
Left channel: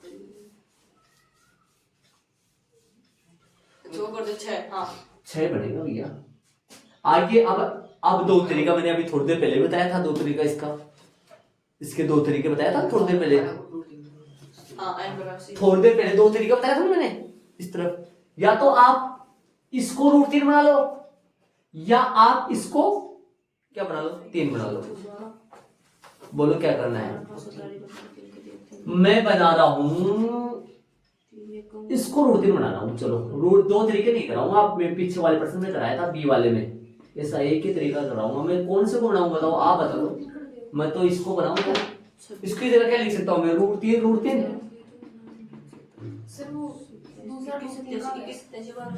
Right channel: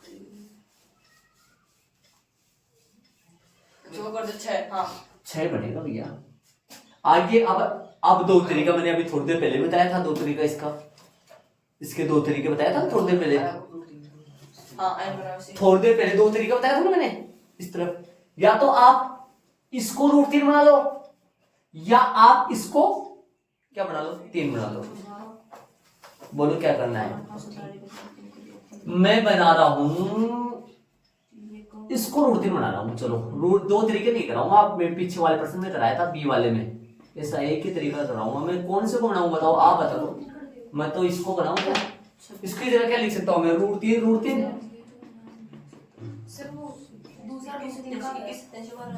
जो कर दो 6। हाँ 6 बनेगा भैया। आगे अब दो तरीका मैंने अभी थोड़ी देर पहले बताया था। दो तरीका इसके दो तरीके बताया था थोड़ी देर पहले। थोड़ी देर पहले दो तरीका बताया था ना मैंने इस तरफ। या तो आप इसको √3 बना लो या आप इसको क्या बना लो 3 बना लो। बोलो क्या करना है। मैं बना रहा हूं इसको √3 बना रहा हूं। चलो दो तरीके नहीं कराऊंगा। आप मैं पीछे वाले प्रश्न में कराया था बी वाले में, ऐसा एक ही तरीका कराऊंगा। मैं कौन से को बनाऊं बताओ आप बता दो। मैं तो इसको बनाऊंगा। इसकी जगह क्या लिख सकता हूं मैं √3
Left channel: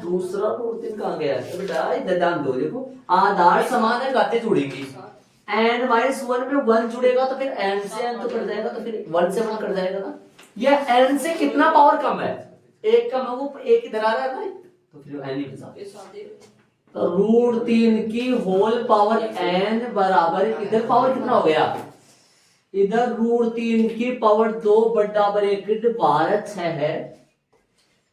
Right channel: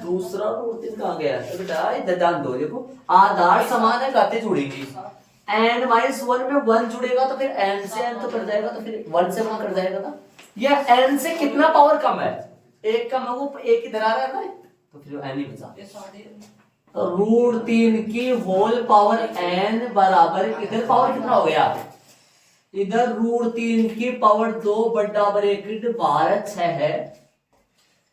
दूसरा √3 कहां गया बेटा इधर ध्यान दो। देखो आधार समान है गाते जुड़ेगी n-1 में 1 जुड़ेगा तो फिर n से n तो कट जाएगा, तो फिर 1 से 1 कट जाएगा ना। ये n से कितना पावर कम है एक कम है वो एक इधर आ रहा है ना, तो फिर n ही बचा। √3 की होल पावर n बराबर इधर पावर कितना हो गया इधर √3 की पावर 2 बटा ब्रैकेट 12 है।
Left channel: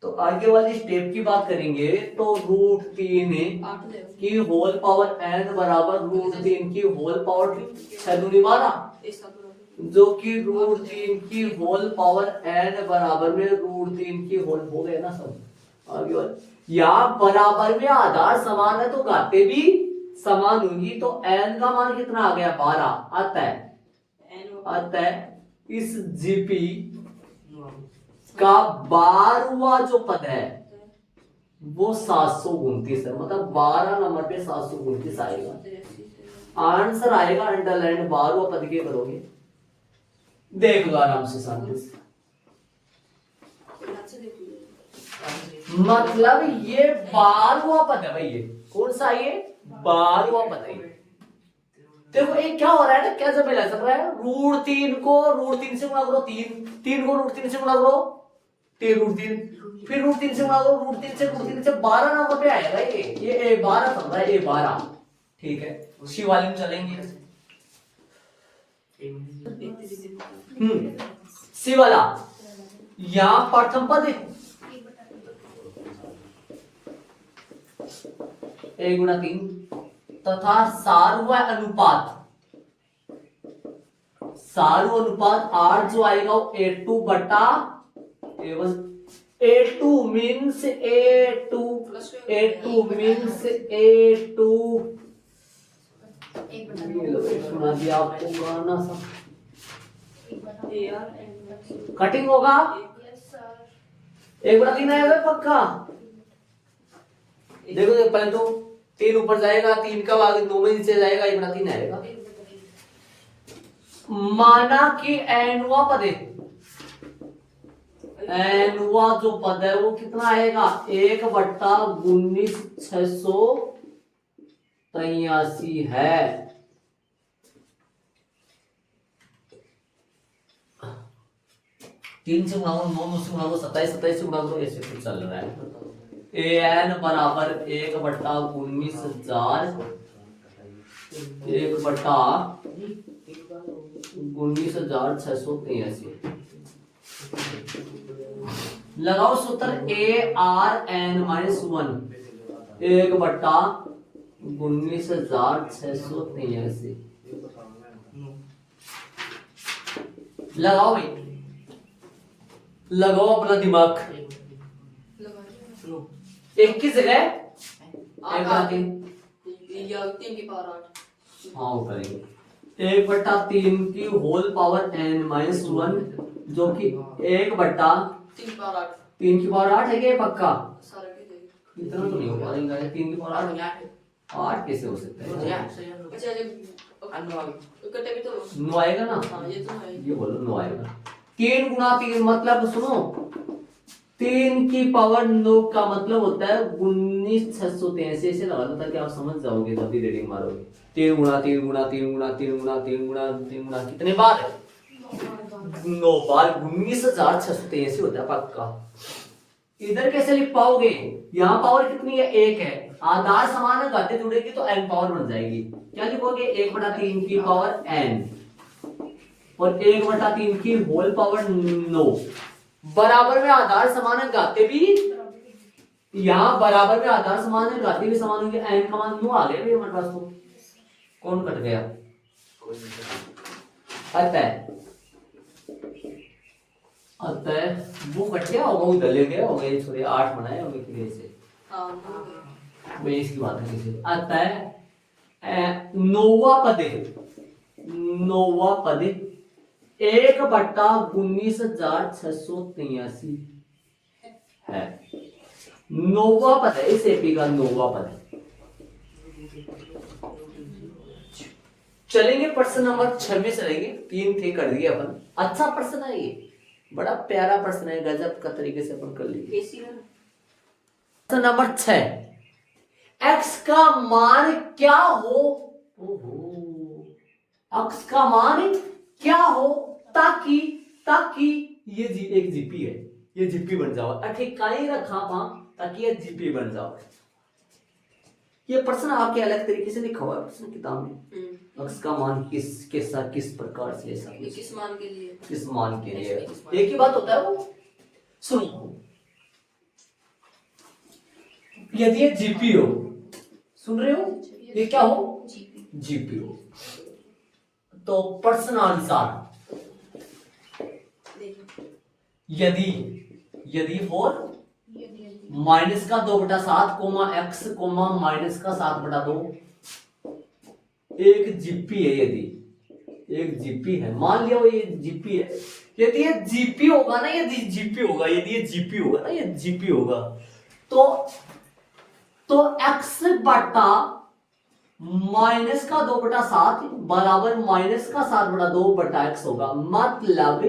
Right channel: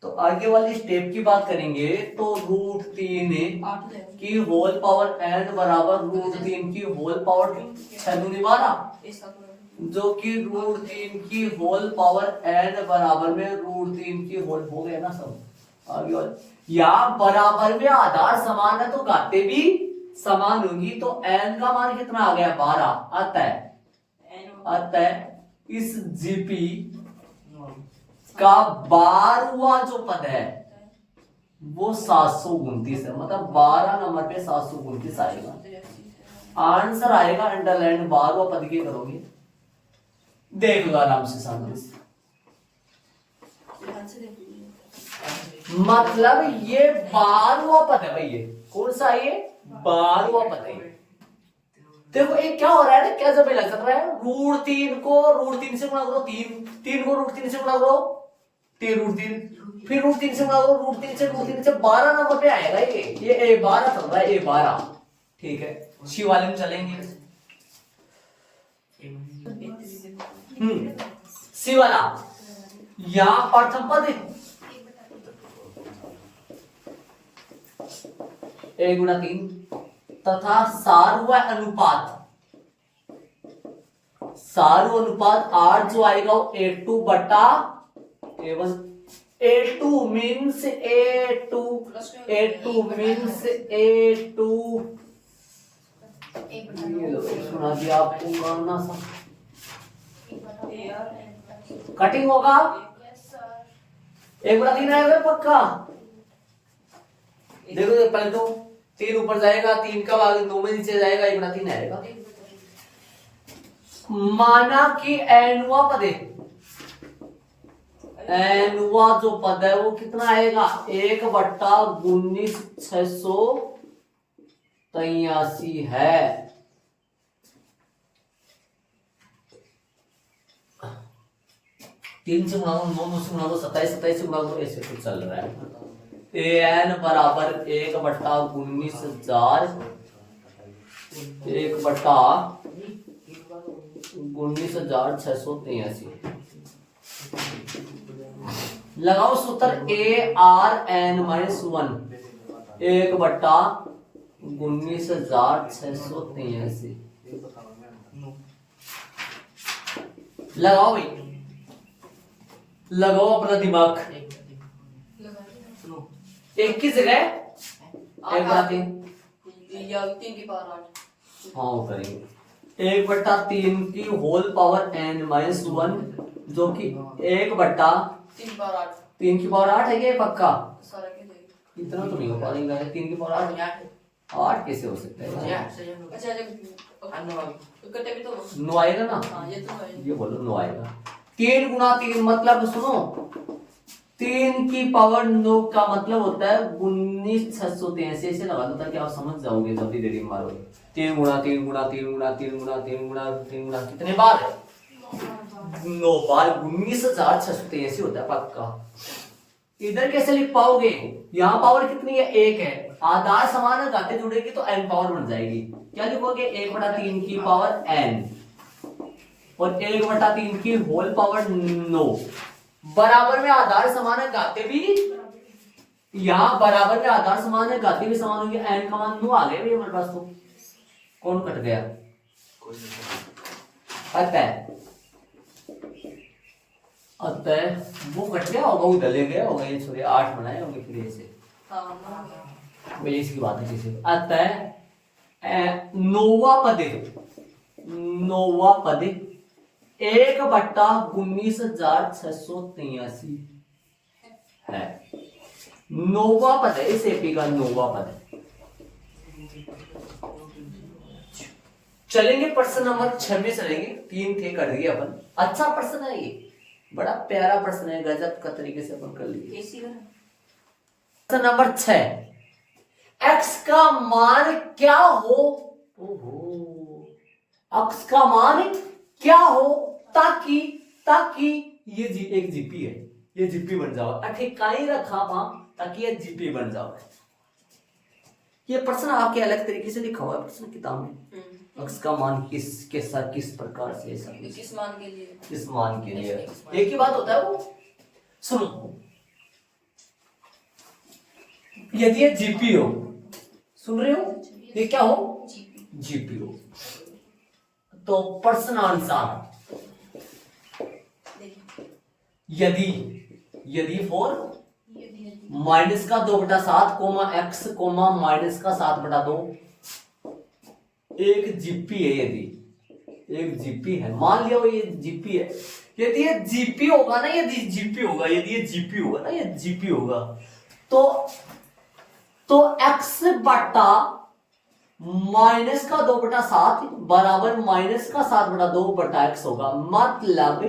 तो आगे वाली स्टेप की बात करेंगे तो √3 की होल पावर n बराबर √3 की होल पावर 6 दूनी 12, जो कि √3 की होल पावर n बराबर में √3 की होल हो गया ना सब। आगे वाले या बराबर में आधार समान है तो घाते भी समान होंगी। तो n का मान कितना आ गया 12 आता है। इस जीपी का 12वां जो पद है वो 729 है, मतलब 12 नंबर पे 729 आएगा। आंसर आएगा अंडरलाइन 12वां पद के करोगे देख लो आराम से सामने से। मतलब ये 12वां पद है भाई। ये कौन सा ये 12वां पद है। देखो एक क्या हो रहा है ना, क्या जब चल रहा है √3 को √3 से गुणा करो 3 को √3 से गुणा करो 3 √3 फिर √3 से गुणा करो √3 से 12 नंबर पे आएगा ये 12 चल रहा है ये 12। ठीक है सी वाले में चलेंगे। सी वाला यहां प्रथम पद 1/3 तथा सार्व अनुपात R जो आएगा वो A2 बटा A1। A2 मीन्स A2 ये लो सुना दिया आपको गाना सा। कटिंग होगा 1/3 आएगा पक्का। देखो पहले तो 3 ऊपर जाएगा 3 का भाग 2 में नीचे जाएगा 1/3 आएगा। माना कि n वां पद एनवा जो पद है वो कितना आएगा 1/1983 है। तीन से गुणा दो, 9 से गुणा दो, 27 27 से गुणा दो, ऐसे कुछ चल रहा है। an बराबर 1/19,000 1/19,683। लगाओ सूत्र ARN-1 1/19,683। लगाओ भाई, लगाओ अपना दिमाग। एक की जगह 1/3 या 3 की पावर 8। हाँ वो करेंगे 1/3 की होल पावर n-1 जो कि 1/3 3 की पावर 8 की पावर 8 है क्या ये पक्का? सारा की जाएगी। इतना तो नहीं हो पाएगा, 3 की पावर 8 कैसे हो सकता है? अच्छा इकट्ठे भी तो लो। 9 आएगा ना? हाँ ये तो है। ये बोलो 9 आएगा। 3 गुना 3 मतलब सुनो, 3 की पावर 9 का मतलब होता है 19,683। ऐसे लगा दो ताकि आप समझ जाओगे जब भी रीडिंग मारोगे। 3 गुना 3 गुना 3 गुना 3 गुना 3 गुना 3 गुना कितने बार है? 9 बार 19,683 होता है पक्का। इधर कैसे लिख पाओगे? यहाँ पावर कितनी है? 1 है। आधार समान है, घाते जुड़ेगी तो n पावर बन जाएगी। क्या लिखोगे? 1/3 की पावर n और 1/3 की होल पावर 9 बराबर में आधार समान है, घाते भी यहाँ बराबर में आधार समान है, घाते भी समान होंगे। n का मान 9 आ गए हमारे पास। तो कौन कट गया? अतः वो कट गया होगा, उधर ले गया होगा। ये छोड़े 8 बनाए होंगे फिर ऐसे। हाँ मैं इसकी बात है किसी। अतः नौवा पद 1/19,683 है। नौवा पद है इस एपी का, नौवा पद है। चलेंगे प्रश्न नंबर 6 में चलेंगे। 3 थे कर दिए अपन। अच्छा प्रश्न है ये, बड़ा प्यारा प्रश्न है, गजब का तरीके से अपन कर लिए। प्रश्न नंबर 6, x का मान क्या हो? ओहो, x का मान क्या हो ताकि ये एक जीपी है, ये जीपी बन जाओ। ठिकाने रखा वहां ताकि ये जीपी बन जाओ। ये प्रश्न आपके अलग तरीके से लिखा हुआ है प्रश्न किताब में। x का मान किसके साथ किस प्रकार से ले सकते? किस मान के लिए? किस मान के लिए? एक ही बात होता है वो। सुनो, यदि ये जीपी हो, सुन रहे हो? ये क्या हो? जीपी हो। तो प्रश्नानुसार यदि फॉर माइनस का 2/7 x माइनस का 7/2 एक जीपी है। यदि एक जीपी है, मान लिया ये जीपी है। यदि ये जीपी होगा ना, यदि जीपी होगा, यदि ये जीपी होगा ना, ये जीपी होगा तो x बटा माइनस का 2/7 बराबर माइनस का 7/2/x होगा। मतलब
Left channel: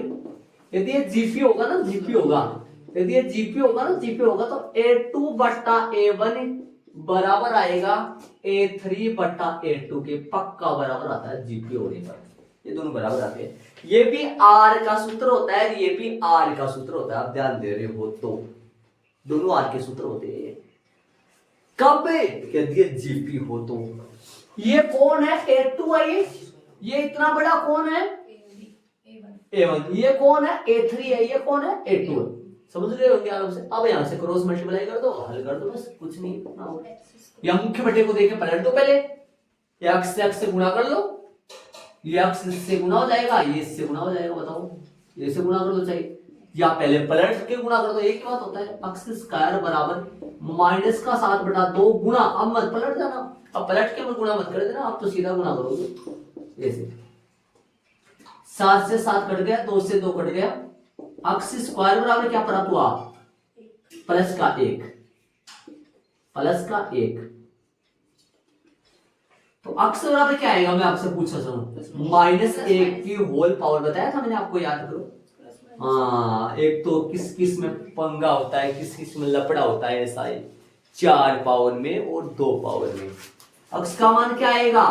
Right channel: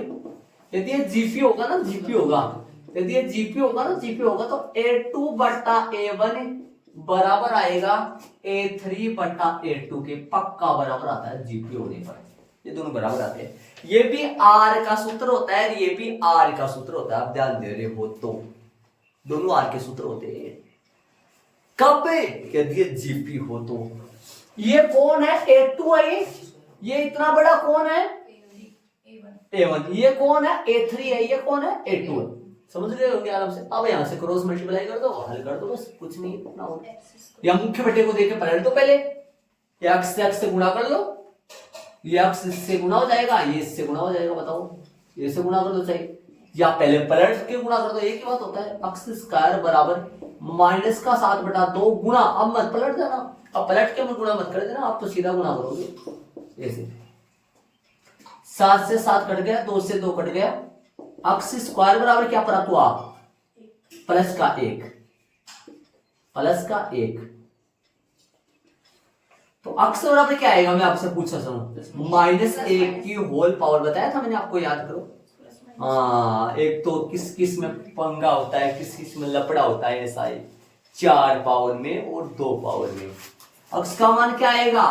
यदि ये जीपी होगा ना, जीपी होगा, यदि ये जीपी होगा ना, जीपी होगा तो a2/a1 बराबर आएगा a3/a2 के। पक्का बराबर आता है जीपी होने पर, ये दोनों बराबर आते हैं। ये भी r का सूत्र होता है, ये भी r का सूत्र होता है। आप ध्यान दे रहे हो तो दोनों r के सूत्र होते हैं। कब? यदि ये जीपी हो तो। ये कौन है? a2 है। ये इतना बड़ा कौन है? a1। ये कौन है? a3 है। ये कौन है? a2 है। समझ रहे हो आराम से? अब यहां से क्रॉस मल्टीप्लाई कर दो, हल कर दो, बस कुछ नहीं इतना हो। या मुख्य बटे को देके पलट दो पहले, या x से गुणा कर लो, ये x से गुणा हो जाएगा, ये इससे गुणा हो जाएगा। बताओ, ये से गुणा कर दो चाहिए, या पहले पलट के गुणा कर दो। एक ही बात होता है। x स्क्वायर बराबर माइनस का 7/2 गुणा, अब मत पलट जाना, अब पलट के मत गुणा मत कर देना, आप तो सीधा गुणा करोगे ऐसे। 7 से 7 कट गया, 2 से 2 कट गया। x स्क्वायर बराबर क्या पड़ा? तो आप प्लस का 1 तो x बराबर क्या आएगा? मैं आपसे पूछा हूं -1 की होल पावर। बताया था मैंने आपको, याद करो। हाँ, एक तो किस किस में पंगा होता है, किस किस में लपड़ा होता है, ऐसा ही 4 पावर में और 2 पावर में। अक्स का मान क्या आएगा,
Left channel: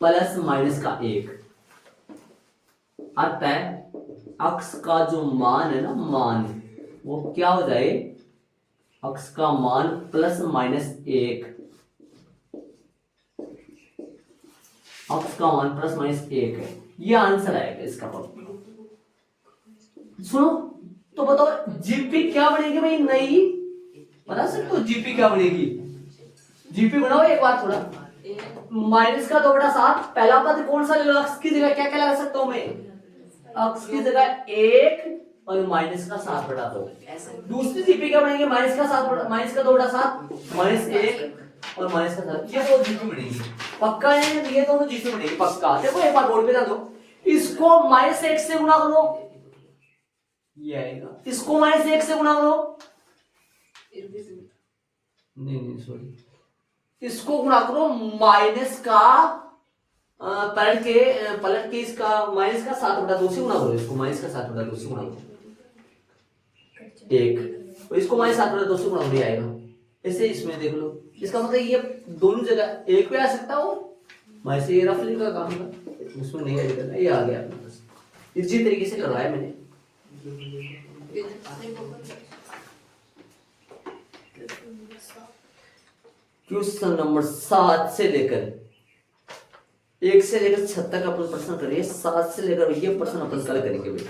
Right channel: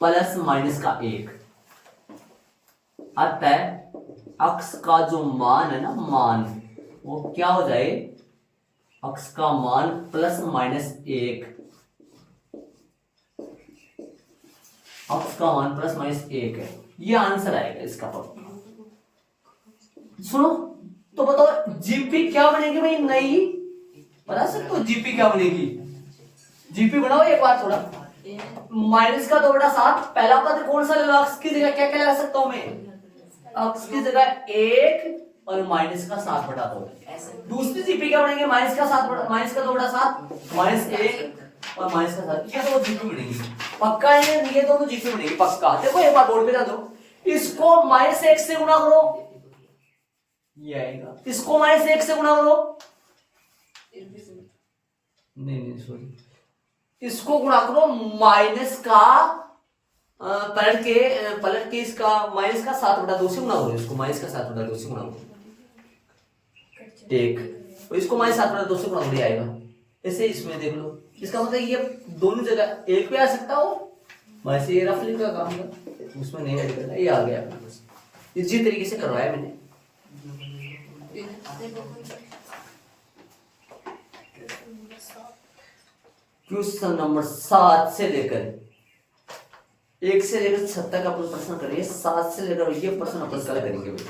प्लस माइनस का 1। अतः अक्स का जो मान है ना, मान वो क्या हो जाए, अक्स का मान प्लस माइनस 1, अक्स का मान प्लस माइनस 1 है, ये आंसर आएगा इसका पक्का। सुनो तो बताओ जीपी क्या बनेगी भाई, नई बता सकते हो जीपी क्या बनेगी, जीपी बनाओ एक बार थोड़ा। माइनस का 2/7, पहला पद कौन सा ले लो, अक्स की जगह क्या क्या लगा सकता हूं मैं, अक्स की जगह 1 और माइनस का 7/2। दूसरी जीपी क्या बनेंगे, माइनस का 2/7 माइनस 1 और माइनस का 7, ये दो जीपी बनेगी पक्का है, ये दोनों जीपी बनेगी पक्का। देखो एक बार बोर्ड पे जा दो, इसको -1 से गुणा करो, ये आएगा, इसको -1 से गुणा करो, नहीं सॉरी, इसको गुणा करो माइनस का पलट के इसका माइनस का 7/2 से गुणा करो, इसको माइनस का 7/2 से गुणा करो, एक और इसको -7/2 से गुणा कर आएगा। ऐसे इसमें देख लो, इसका मतलब ये दोनों जगह एक पे आ सकता हो, वैसे ये रफली का काम था, उसमें नहीं ऐड करना, ये आ गया अपने पास, इसी तरीके से करवाया मैंने। क्वेश्चन नंबर 7 से लेकर 1 से लेकर 6 तक अपन प्रश्न करेंगे, 7 से लेकर ये प्रश्न अपन कल करेंगे भाई।